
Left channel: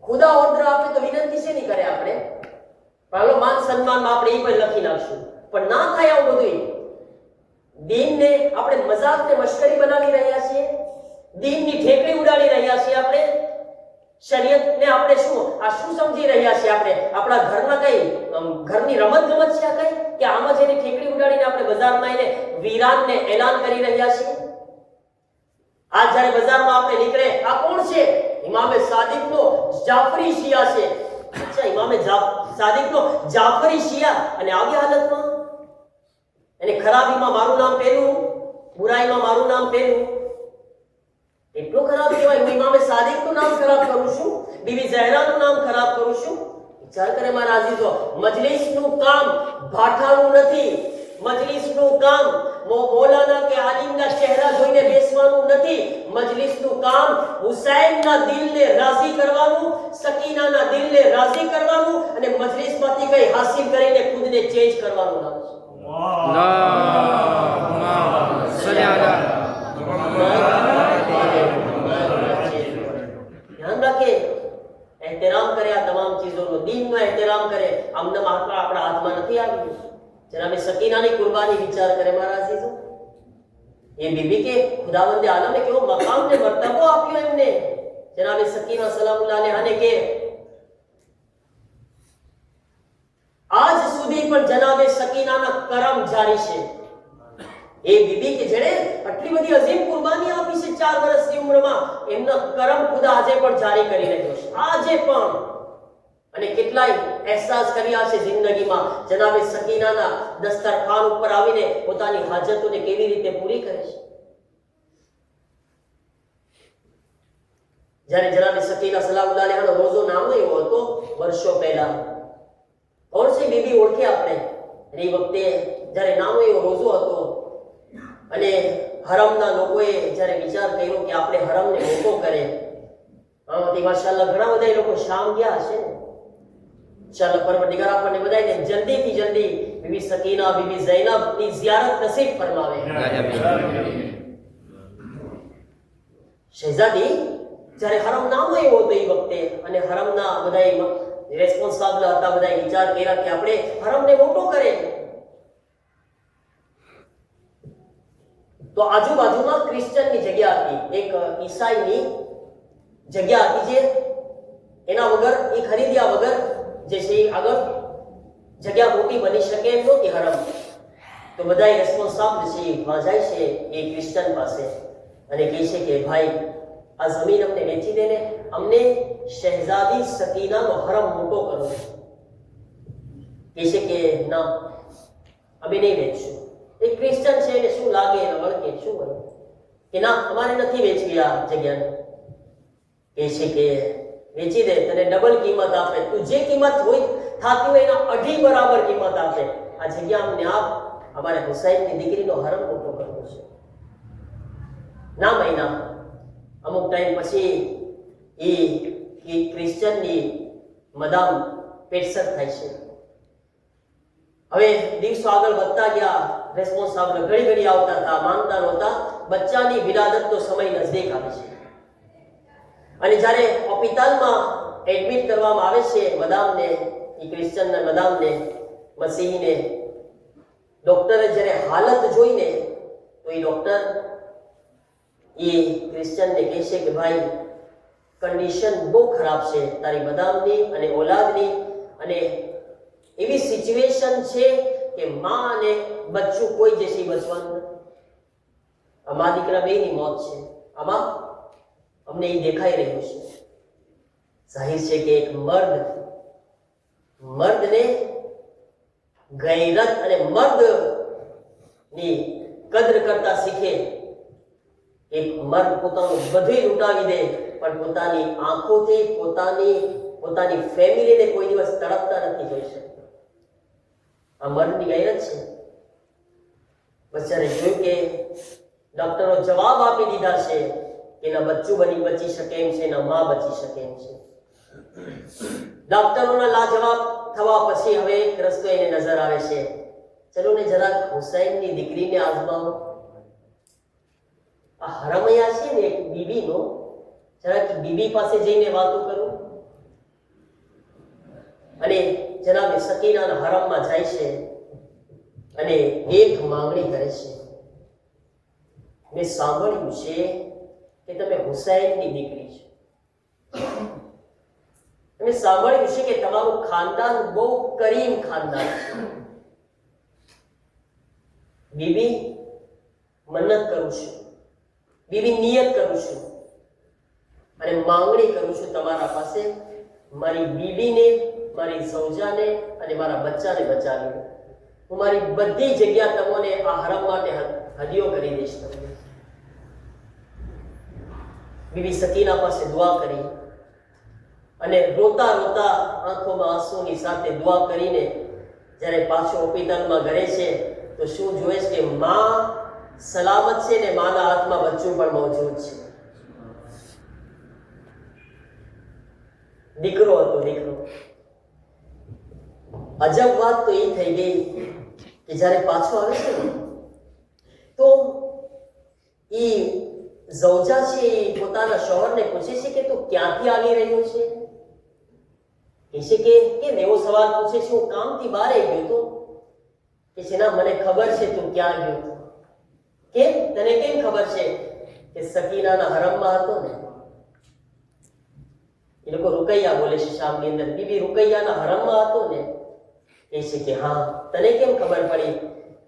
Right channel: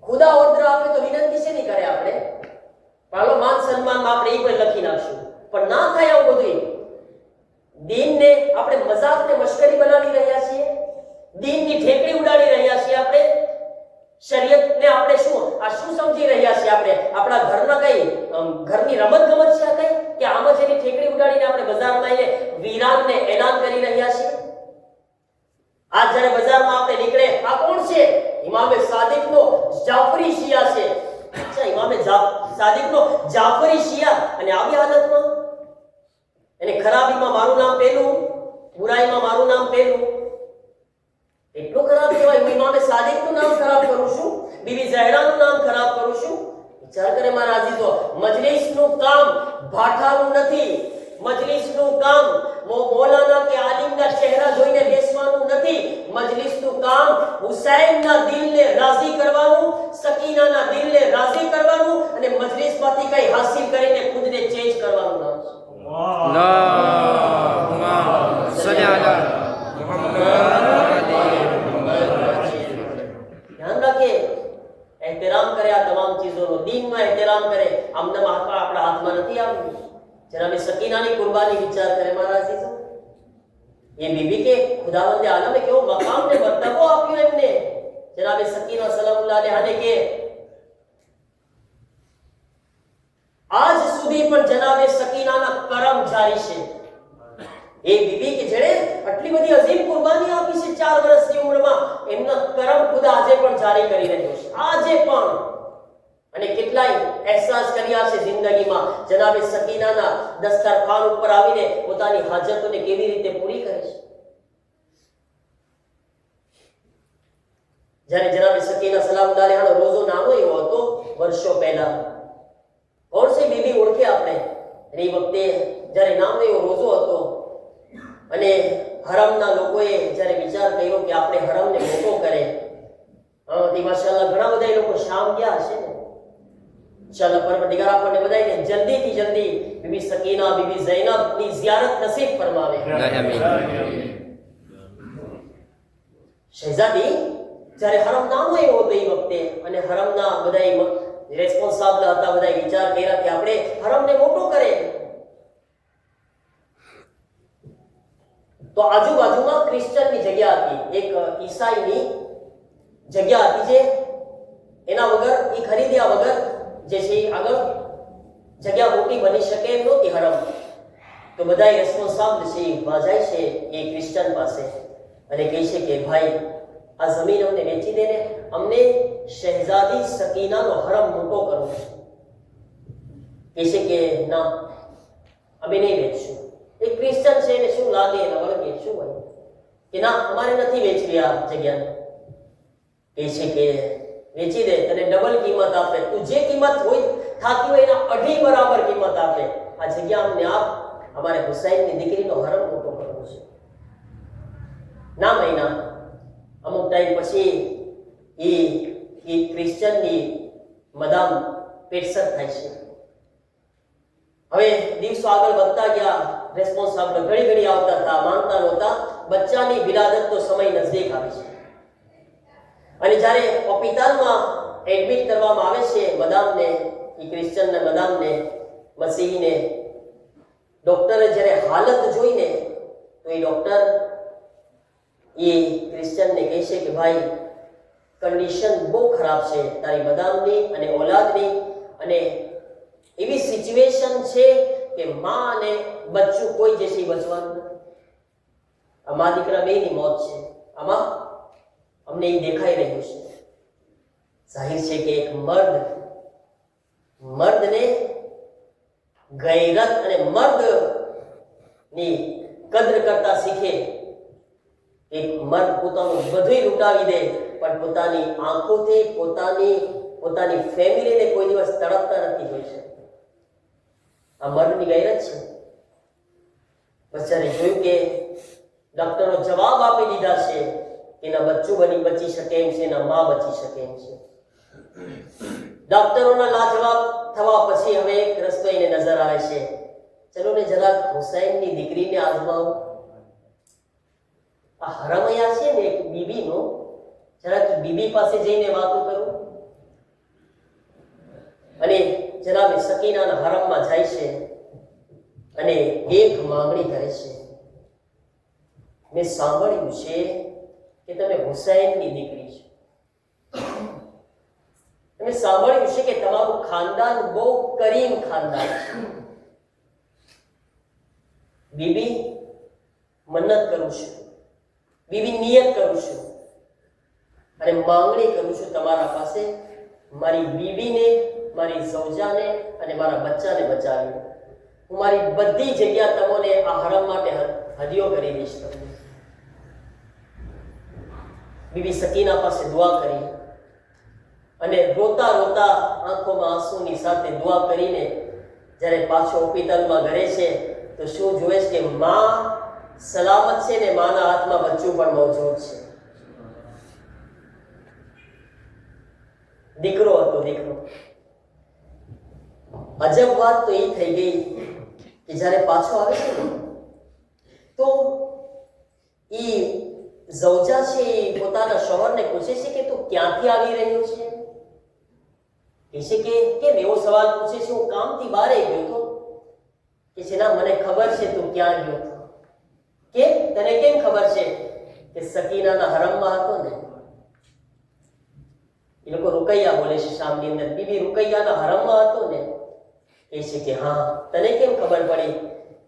ખુદા ઓર્ડર આપે તો વિનંતી છે નહીં કરે આપણે. પાલો માન સન્માનમાં આપણે એ પણ લખી નાખશું, પણ ના થાય આવું બધું. દીનને આપણે મજાક ને મશ્કરી બનાવી રહ્યા છીએ, દીનની ઠેકડી ઉડાડી રહ્યા છીએ આપણે. શરીયતને આપણે શું સમજી રહ્યા છીએ આપણે? આપણા ઘરના કઈ ઘરની રમત ગમત છે આ કઈ? કે આમ જ એની ઠેકડી ઉડાડીને આપણે બજારમાં આવીને વીરાનને એલાન કરી રહ્યા છીએ? આજ જ્યારે બજારમાં આપણે નીકળે, આ કોણ છે? ઇમામે સાદિકનો જાફરી શિયા છે. અચ્છા, ઇમામે સાદિકનો જાફરી શિયા, અને આવી હાલતમાં એને ખરાબીમાં મારું નામ પહેલું, બુરાઈમાં મારું નામ પહેલું. એટલું ખરાબ કહેવાય? હું ઇમામે સાદિકનું નામ ખરાબ કરું છું, બીબી ઝહરાનું નામ ખરાબ કરું છું? વિચાર કરે મારા અઝીઝો, મજલિસનું કામ ભાઠાનું નથી. મજલિસનું કામ મૌલાના કે આલિમના ચહેરા જોઈને બેસવાનું નથી. મજલિસનું કામ હુસૈનના દિલને રાજી કરવાનું, સકીનાના દિલને રાજી કરવાનું, અને મજલિસમાંથી કઈ હાસિલ કરીને ખુદને ચેન્જ કરવાનું નામ છે. અલ્લાહુમ્મા સલ્લી અલા ધ્યાન રાખે, એહતરામ કરે આ તમામ ચીજોનો, દીનનો એહતરામ કરે. આમને આપણા હાથમાં નથી આવ્યું. જનાબે સકીનાની કુરબાની વિચાર કરે મારા અઝીઝો. એ બીબી કે ખુદાવંદે આલમે કેવો મકામ ને મર્તબો આપ્યો એમને. જનાબે સકીના સલામુલ્લાહ અલૈહાને કે આજ સુધી પણ જનાબે સકીનાના કરમ જારી છે. એ બીબી કે જેણે આટલી બધી અઝીમ કુરબાની આપી છે 4 વર્ષની ઉંમરમાં, એમનો કરમ ખુદા આજે પણ જારી કરી રહ્યો છે. આજે પણ. અને કેટલાય અહેસાસ કર્યા છે જિંદગીમાં. જનાબે સકીનાના દસ્તરખાન ઉપર આવીને પોતાની હાજતોને કેવી રીતે પૂરી કરે છે. જ્યારે જનાબે સકીના સલામુલ્લાહ અલૈહાનો રોજો નાનો એવો હતો વર્ષો પહેલા. કોણ છે બીબી ઓળખે આપણે? અને એ વખતે જ્યારે નાનો એવો રોજો હતો અને હરમના લોકોએ જ્યારે વિચાર કર્યો કે આપણે હરમને મોટો કરે, તે માશાઅલ્લાહ ઘણા બધા એ લોકો શામ ગયા હશે ને. ચાલો પરવરદિગાર આપણને બધાને જલ્દીથી જલ્દી બીબી સકીના, બીબી ઝૈનબની ઝિયારત નસીબ ફરમાવે. શહેઝાદી જ્યારે હરમ નાનો એવો હતો એ વખતે, અને હરમના બધા રેસ્પોન્સિબલ હતા, બધા વિચાર કર્યા કે આપણે હરમને મોટો કરે. તો આજુબાજુમાં ક્રિશ્ચનની જગ્યા હતી, એક ઈસાઈની જગ્યા હતી, જે એના વગર, એ ખરીદ્યા વગર જે છે આગળ જગ્યા મોટી બની શકે એમ નહોતી હરમ. તો બધા રેસ્પોન્સિબલ છે જાય છે એ ક્રિશ્ચન પાસે અને કહે છે કે ભાઈ આ જમીન અમને વેચી દે ને, અમને શહેઝાદી સકીનાનો હરમ મોટો કરવો છે. કહે છે કે ના, અમે નહીં વેચશું. એ ક્રિશ્ચન છે એને શું લાગે, એને વળગે શું હોય કે ના અમારે નથી વેચવી આ જગ્યાને. કહે છે કે વેચી દે, તને ડબલ કિંમત આપે, તું જે કિંમત હોય થતી હોય એના 2.5 બરાબર કિંમત આપે. આ જગ્યા અમને આપ, અમારે હુસૈનની દીકરીનો હરમ મોટો કરવો છે. ના મહિના અમુક ટાઈમ પછી એ ક્રિશ્ચનની મદામ પેટસર થાય છે. હવે દિવસો આગળ વધતા ગયા, રેસ્પોન્સ આગળ ઘડી આવતા હતા, માનતા નહોતા. બચ્ચાની વિલાદત તો સમય નજદીક આવે છે અને જ્યારે હોસ્પિટલમાં એડમિટ કરવામાં આવે છે મદામને, એ ક્રિશ્ચનના મદામને, મસીહીને, ડોક્ટરે જ્યારે હાલત જોઈને તો એ ડોક્ટર એ ક્રિશ્ચનને કહે છે કે ભાઈ કન્ડિશન બહુ ખરાબ છે તારી મદામની અને ઓલાદની, અને એવી સિચ્યુએશન છે કે માં અને બચ્ચું કોઈ જે છે એ બચવાનું નથી. આ મા દીકરા બેની મોત છે. આમાં અમને એ દેખાઈ રહ્યું છે. જાહેર છે કે એક મર્દને ગૈરત અને મર્દની કદર કરતા શીખે. એક મર્દ પોતાનું બધું લૂંટાવી દે પણ પોતાની આંખોથી પોતાની ફેમિલીને કોઈ દિવસ તડપતા નથી જોઈ શકતા. આ મર્દની ગૈરત છે. બચારે જોયું કે ડોક્ટરો જવાબ આપી દીધા છે કે એના બચ્ચું બચી શકે એમ છે, એના માં બચી શકે એમ છે. ડોક્ટરોના લાજવાબ થવા પછી હવે એક રસ્તો એને નજર આવે છે, ચલો ને જરાક હુસૈનની દીકરીને આજમાવો. આ હરમૈયા છે ને એક બીબીનો, જરાક બીબી પાસે જઈને વાતો કરો. અને જનાબ સકીનાના હરમમાં જાય છે અને એક માંગણી કરે છે. મેં સાંભળ્યું છે કે તમે હુસૈનની દીકરી છો. મેં સાંભળ્યું છે કે તમારું ખાનદાન બહુ કરીમ ખાનદાન છે. બીબી મન્નત કરું છું, બીબી નિયત કરું છું અને માંગણી કરું છું તમારા પાસે, મારી બીબીને, મારી સૌજાને અને મારા બચ્ચાને બચાવી. હું મારી બધી જગ્યા તમને આ હરમ માટે હદિયો કરી દઈશ. બીબી સકીના પાસે દુઆ કરી અને રોતા આંખોમાં આંસુની સાથે દુઆ કરીને જ્યારે પાછો હોસ્પિટલમાં ઘરે છે તો શું જોવે છે કે માં સલામત છે ને માના હાથમાં બચ્ચું પણ મોજૂદ છે. દીકરો હતો, દીકરો. અજબ વાત તો એ થઈ ગઈ કે જ્યારે પાછો આવે છે તો એ ઝૌજા છે એ પોતાના શોહરને પૂછે છે કે તું ક્યાંથી આવી રહ્યો છે? કહે છે કે કેમ એવો સવાલ પૂછે છે? હું કામથી બહાર ગયો હતો. કે છે ના, મને ખબર છે તું ક્યાં ગયો હતો. કેમ? તને કેમ ખબર છે? કે સકીનાના હરમમાં હતો ને. એ લોકો રૂકૈયા બોલે છે શામની અંદર. બીબી રૂકૈયાના હરમમાં હતો ને. કહે છે કે હા. તને કેમ ખબર પડી?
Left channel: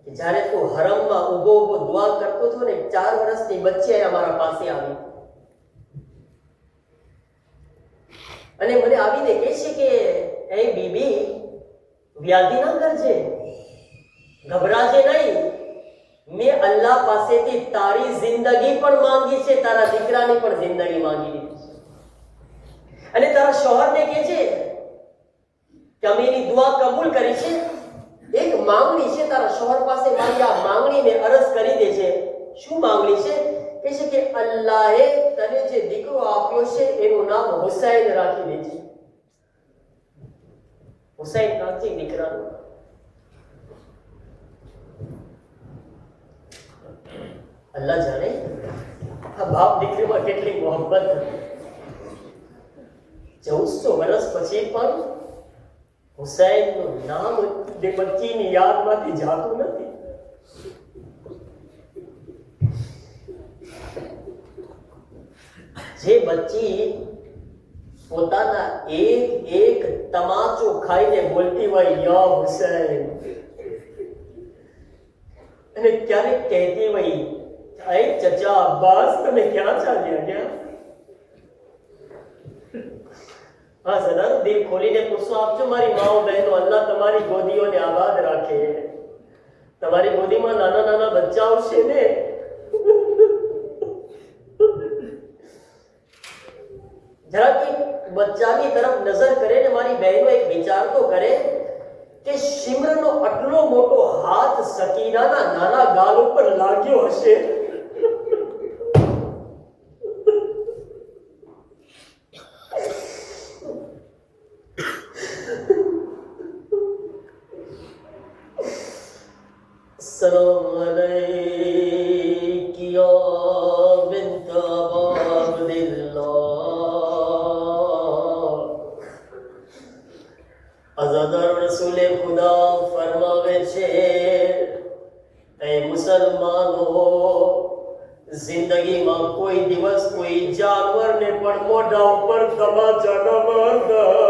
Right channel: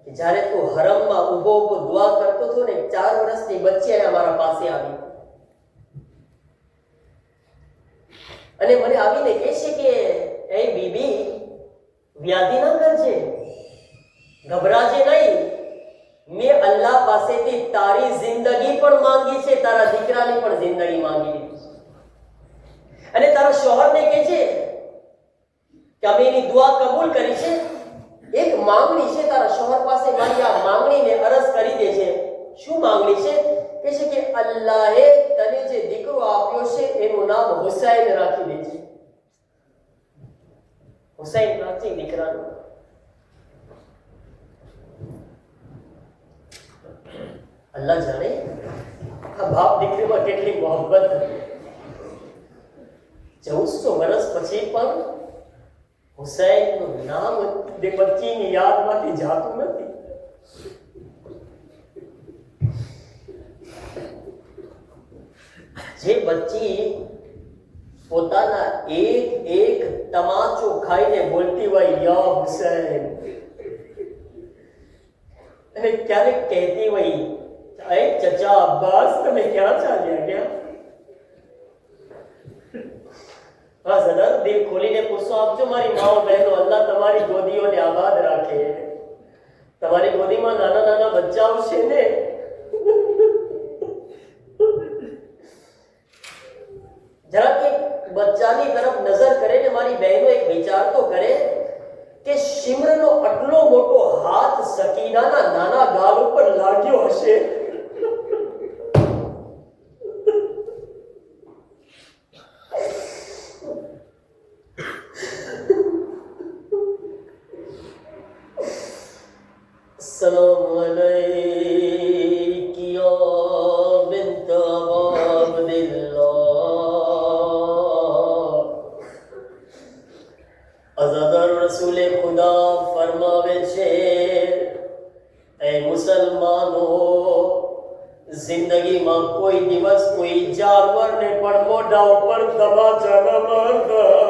કે જ્યારે તું હરમમાં ઊભો દુઆ કરતો હતો ને, 4 વર્ષની બચ્ચી અમારા પાસે આવી અને મને આવીને કહે છે કે એ બીબી વ્યાધિ ન કરજે, ગભરાજે નહીં. મેં અલ્લાહ પાસેથી તારી જિંદગી પણ માંગી છે, તારા દીકરાની પણ જિંદગી માંગી લીધી છે. અને તારા શોહરને કહે છે કે અમે એની દુઆ કબૂલ કરી છે. એક માંગણી છે તારા શોહર પાસે, મારી આ માંગણીને અરજ કરી દે છે. શું માંગણી છે? કહે છે કે અલ્લાહે તને જે દીકરો આપ્યો છે એનું નામ હુસૈન રાખી દે છે. હુસૈન રાખજે દીકરાનું. અલ્લાહ જાણે આ બાપ દીકરીમાં કેટલી મોહબ્બત હતી. 1400 વર્ષ પછી પણ હુસૈનનું નામ તે બચ્ચીની યાદમાંથી જાતું નથી. જે બચ્ચી પોતાના એક તમાચો ખાઈને બોલતી હોય યા હુસૈન, અને ક્યારેક કહેતી હોય અરે ચચા અબ્બાસ તમે ક્યાં ચાલ્યા ગયા? હા સદર, દિલ ખોલીને પૂછો આપજો મારી માઓ બહેનો. અલ્લાહ તમારી ગોદીઓને આબાદ રાખે. તમારી ગોદીમાં નાના નાના બચ્ચાઓ છે ને. જરાક બચ્ચાની તરફ નજર કરે ને મારી બહેનો એક વિચાર તો કરે કે સિમરનનો આટલો મોટો હાથ સકીનાના નાના ગાલ ઉપર લાગ્યો હશે. सलाम अलैकी या बिन्त अब्दिल्लाह. अज़ादार रसूल खुदा फरमावे છે, એ મુસલમાનો, જિંદગીમાં કોઈ દિવસ કોઈ જાનવરને પણ મોઢા ઉપર તમાચા ન મારતા.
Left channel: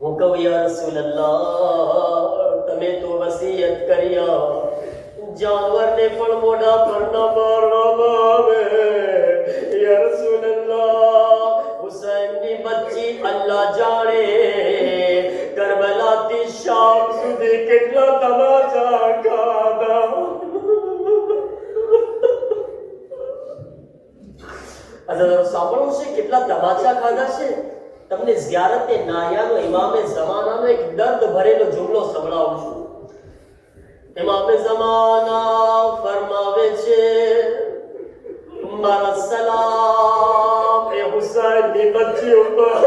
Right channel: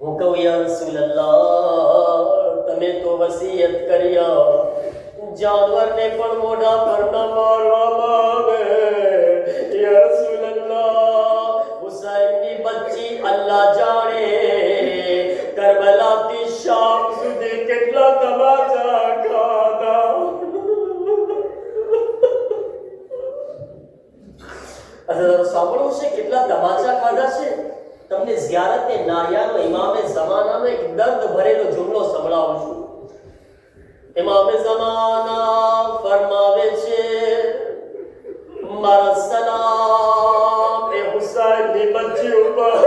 હું કહું યા રસૂલલ્લાહ, તમે તો વસિયત કર્યા જાનવરને પણ મોઢા પર ન મારવામાં આવે. યા રસૂલલ્લાહ, હુસૈનની બચ્ચી અલ્લાહ જાણે કરબલાથી શામ સુધી કેટલા તમાચા ખાધા. સાંભળવું છે કેટલા તમાચા ખાધા છે. તમને ઝિયારતે નાયાનો ઇમામે ઝમાનાનો એક દર્દ ભરેલો જુમલો સંભળાવું છું. ઇમામે ઝમાના ફરમાવે છે, મારા સલામ એ હુસૈનની બચ્ચી ઉપર.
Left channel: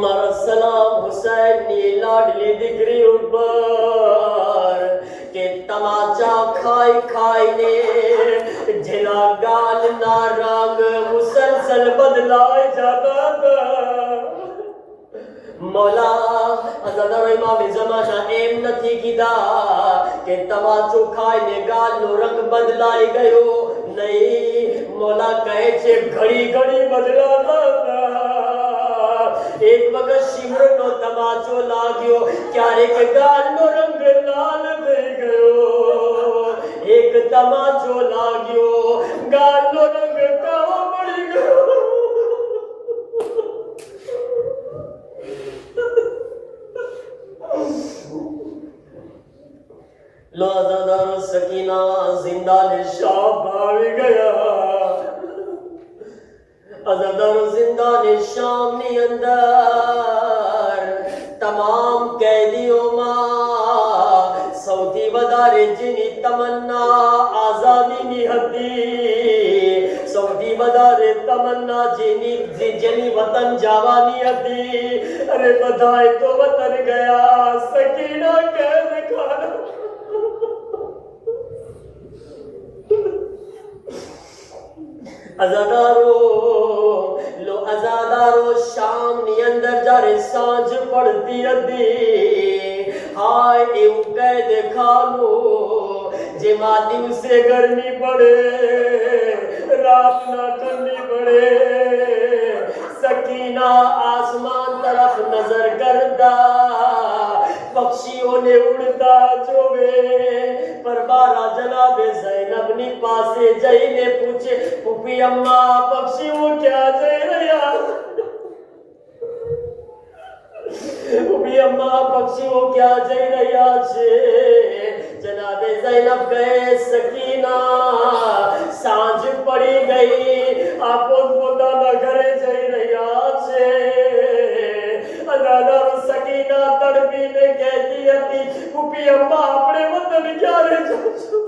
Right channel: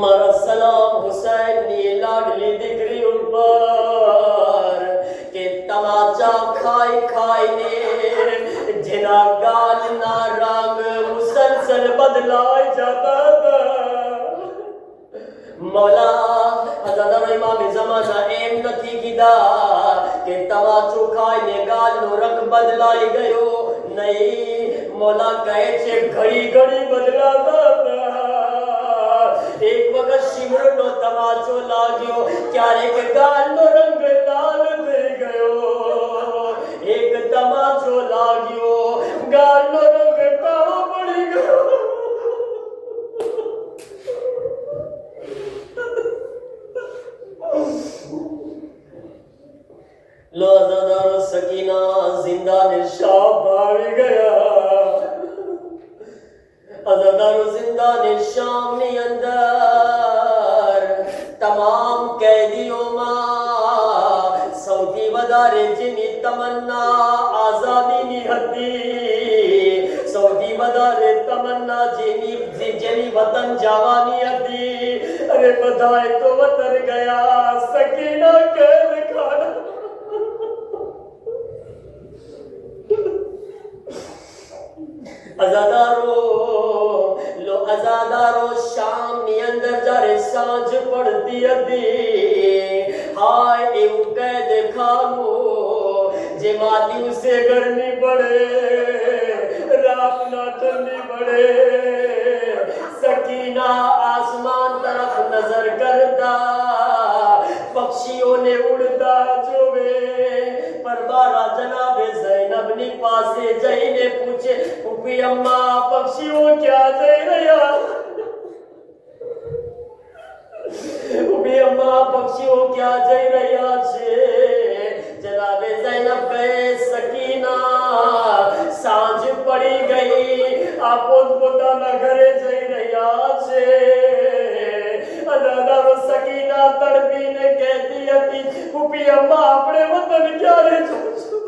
મારા સલામ હુસૈનની લાડલી દીકરી ઉપર કે તમાચા ખાઈ ખાઈને જેના ગાલના રંગ મુસલસલ બદલાઈ જતા હતા. મૌલા અઝાદારો ઇમામે ઝમાના એમ નથી કીધા કે તમાચો ખાઈને ગાલનો રંગ બદલાઈ ગયો. નહીં, મૌલા કહે છે ઘડી ઘડી બદલાતા હતા. એક વખત શિમરનો તમાચો લાગ્યો, ક્યારેક ગાલનો રંગ લાલ થઈ ગયો. એક તમાચો લાગ્યો, ગાલનો રંગ કાળો પડી ગયો. લો અઝાદારો, સકીના જિંદાને શામ આવી ગયા. અઝાદારો, જિંદાને શામની અંદર તમામ કેદીઓમાં સૌથી વધારે જેની તમન્ના આઝાદીની હતી, સૌથી વધારે તમન્ના જેની વતન જવાની હતી, અરે બધાએ તો વતન ગયા. સકીના કેદ ખાના. અઝાદારો, શામની અંદર જ્યારે સાંજ પડતી હતી, હાય એવું કેદ ખાનું જેમાં દિવસે ગરમી પડે, રાતના ઠંડી પડે. સકીના આસમાન તરફ નજર કરતા પક્ષીઓને ઉડતા જોવે. પરબારા જનાબે ઝૈનબની પાસે જઈને પૂછે, ફૂફી અમ્મા, પક્ષીઓ ક્યાં જઈ રહ્યા? ફૂફી અમ્મા, પક્ષીઓ ક્યાં જઈ રહ્યા છે? જનાબે ઝૈનબ કહે, સકીના, સાંજ પડી ગઈ, આ પોતપોતાના ઘરે જઈ રહ્યા છે. અઝાદારો, સકીના તડપીને કહેતી હતી, ફૂફી અમ્મા, આપણે વતન ક્યારે જઈશું?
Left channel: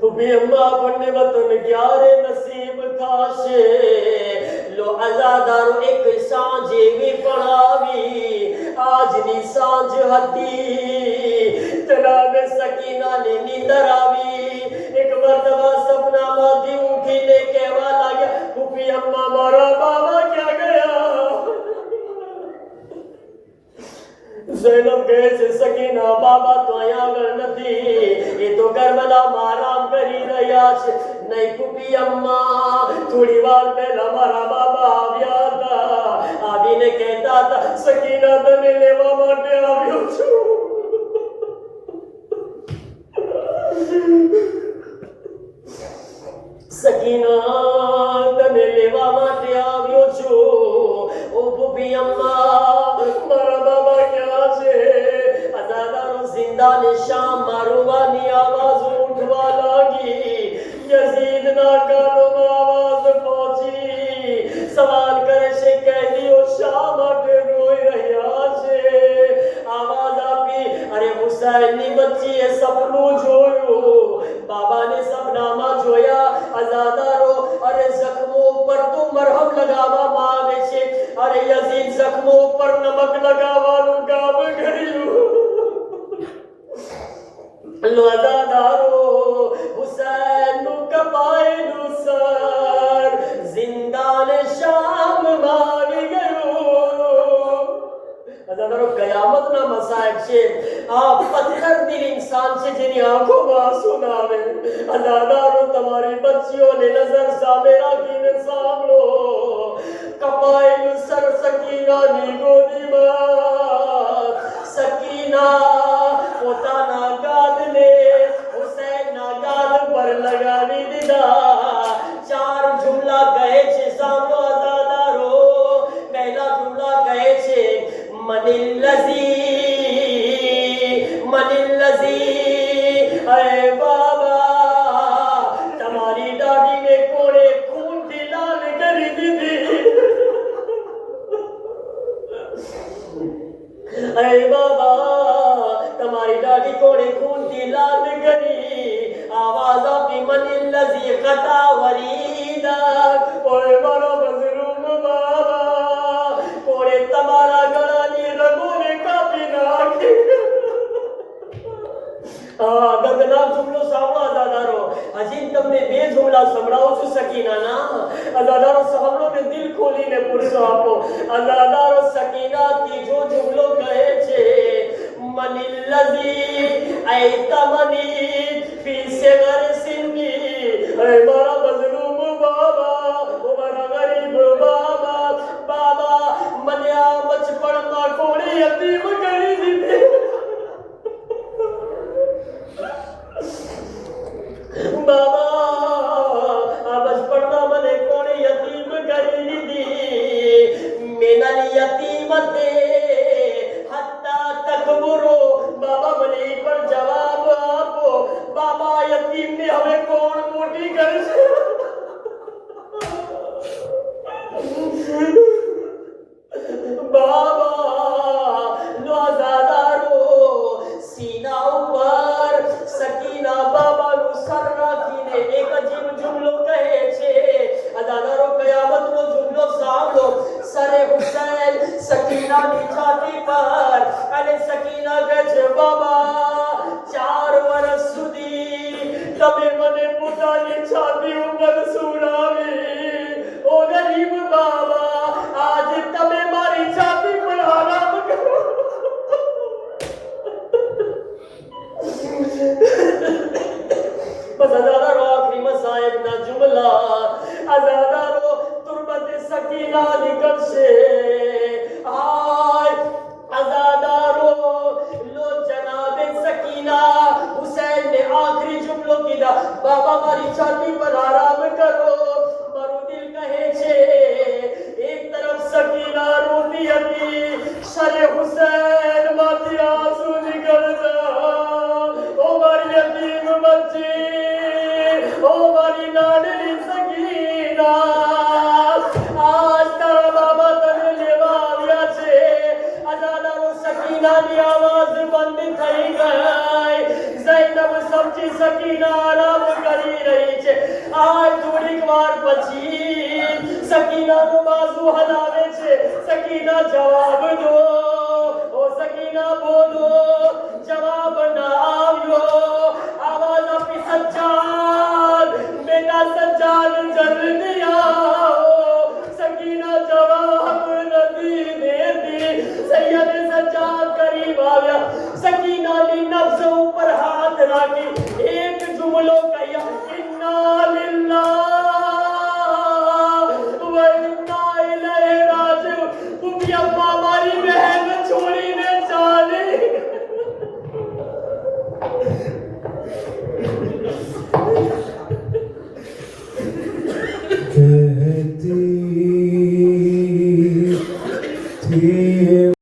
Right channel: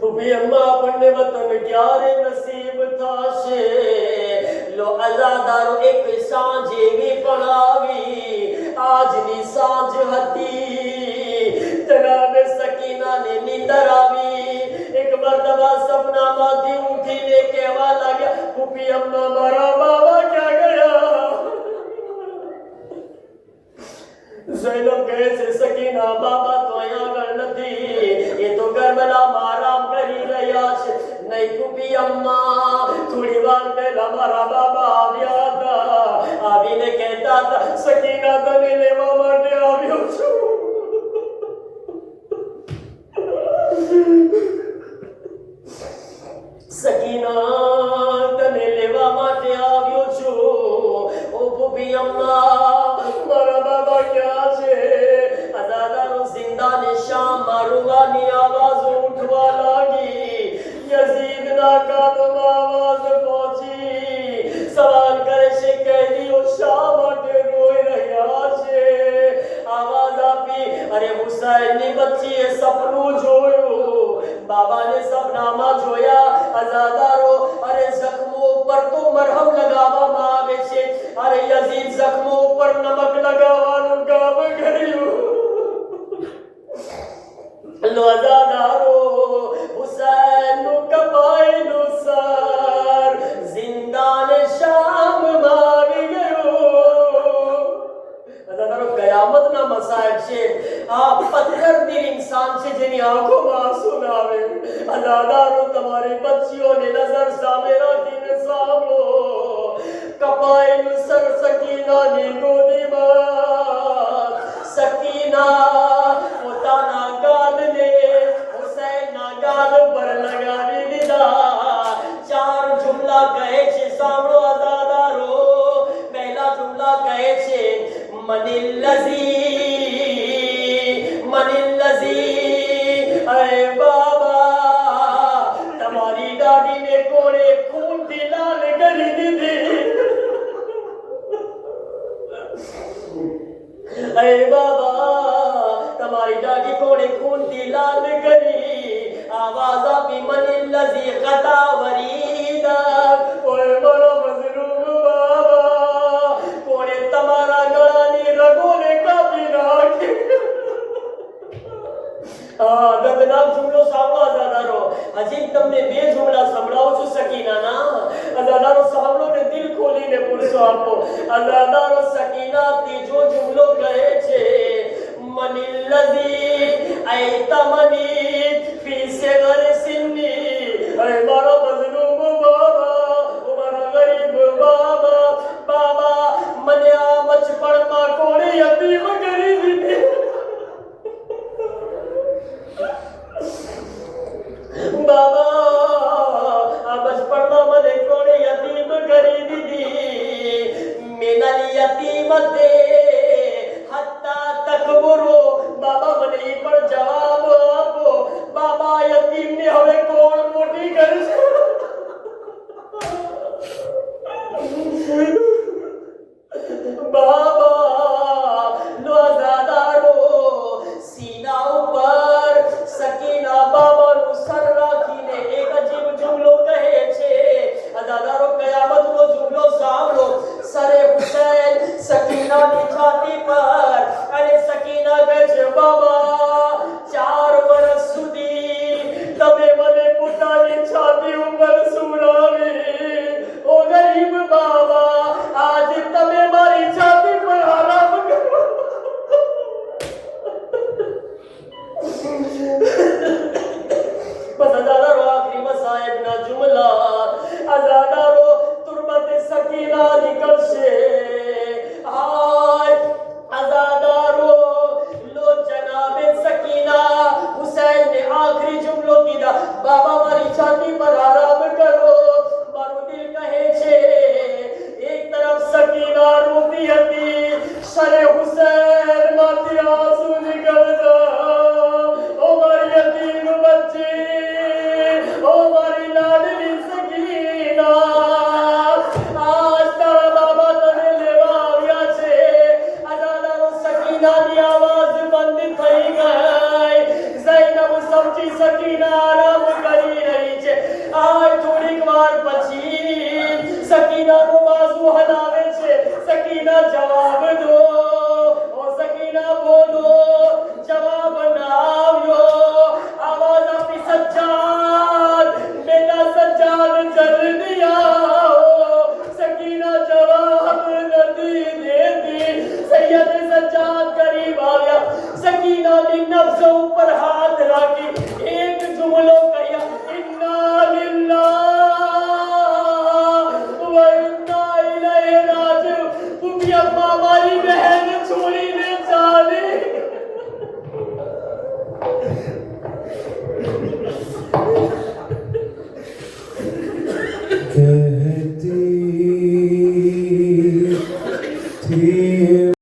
ફૂફી અમ્મા, આપણને વતન ક્યારે નસીબ થશે? લો અઝાદારો, એક સાંજ એવી પણ આવી, આજની સાંજ હતી. જનાબે સકીનાને નીંદર આવી. એક મરતબા સપનામાંથી ઉઠીને કહેવા લાગ્યા, ફૂફી અમ્મા, મારા બાબા ક્યાં ગયા? ઝૈનબ કહે છે, સકીના, બાબા તો અહીંયા આગળ નથી, એ તો કરબલામાં આરામ કરી રહ્યા છે. નહીં ફૂફી અમ્મા, થોડી વાર પહેલા મારા બાબા આવ્યા હતા. આવીને કહેતા હતા, સકીના, તને લેવા માટે આવ્યો છું. સકીના, તને લેવા માટે આવ્યો છું. ઓ ફૂફી અમ્મા, જખ્મો પર નમક લગાવવાનું કામ કર્યું. લોજાદારો હુસૈનનું કપાયેલું સર જિંદાને શામમાં આવી ગયું. અજાદારો કયામતના મસાયબ છે. આ પથ્થર દિલ ઇન્સાન છે જેની આંખોમાં આંસુ ના આવે. અજાદારો તમારી બચ્ચીઓને નજર સામે રાખીને સાંભળો. કપાયેલું સર સકીનાની ગોદીમાં સકીના પોતાના ગાદને હુસૈનના ગાદ પર લગાવી દીધા. ચાર જુમલા કહે છે, સાંભળો અજાદારો. પહેલા જુમલા કહે છે મનિલ્લઝી અરે બાબા તમારી દાઢીને કોણે ખૂનથી લાલ કરી દીધી. અરે બાબા તમારી દાઢી કોણે ખૂનથી લાલ કરી. આવાજ આપી મનિલ્લઝી કતા વરીદા કોણે મારો મઝલૂમ બાબા કોણે તમારા ગળાની રગોને કાપી નાખી. દર્દનાક જુમલો સાંભળો અજાદારો. હજી તમને બે જુમલા સંભળાવું છું સકીનાના. અજાદારો સાંભળો ને દિલ ખોલીને પૂરસો આપો. અજાદારો સકીના ત્રીજો જુમલો કહે છે મનિલ્લઝી ઐતમની ફી સિગર સિન્ની. અરે મારા મઝલૂમ બાબા ઓ મારા ગરીબ બાબા બાબા મને આ બચપણમાં કોણે યતીમ કરી દીધી. બાબા આ બચપણમાં મને કોણે યતીમ કરી દીધી. મિનલ યતીમતે હત્તા તકબુરો. બાબા મને ઈ પર જવાબ આપો. બાબા યતીમને હવે કોણ મોટી કરશે? બાબા લોજાદારો સીના ઉપર સકીના બાબાનું સર રાખીને એક અજીબ જુમલો કહે છે. અજાદારો કયામતનો જુમલો સાંભળો. સરે હુસૈન સકીનાની છાતી પર અને સકીના કહે છે બાબા 4 વર્ષ સુધી તમે મને પોતાની છાતી ઉપર સુલાવી. ઓ ગરીબ બાબા આજે તમે મારી છાતી પર હરામ કરો. બસ અજાદારો આખરી મસાયબના જુમલા. અજાદારો તુરબતે સકીના નીકળશે. હાય અજાદારો લો જનાબે સકીના હુસૈનને આખરી જુમલો કીધા. બાબા મારી છાતી પર આરામ કરો. મારું દિલ કહે છે. એક તરફ સકીના રોતી હતી. સરે હુસૈન માંથી આંસુ નીકળતા. ઓ મારી યતીમ બચ્ચી, ઓ મારી લાડલી સકીના, આજ તારા બાબા તને લેવા આવ્યા છે. અજાદારો સકીનાની આવાજ બંધ થઈ ગઈ. ઝૈનબ સમજી સકીના આરામ કરી રહી છે. આ થોડીક વાર પછી સકીનાનું બાજુ હલાવે છે. સકીના જવાબ દો. ઓ સકીના બોલો. જવાબ ના આવ્યો. આવાજ આપી સજ્જાદ બેટા સજ્જાદ જલ્દી આવો. સકીના જવાબ નથી દેતી. સૈયદ સજ્જાદ કરીબ આવ્યા. સકીનાની નફ્સ ઉપર હાથ રાખી એક જુમલો કહ્યા ઇન્ના લિલ્લાહ વ ઇન્ના ઇલૈહિ રાજિઉન. તુમી અમ્મા મારી બહેન છોડીને ચાલી. कहती थी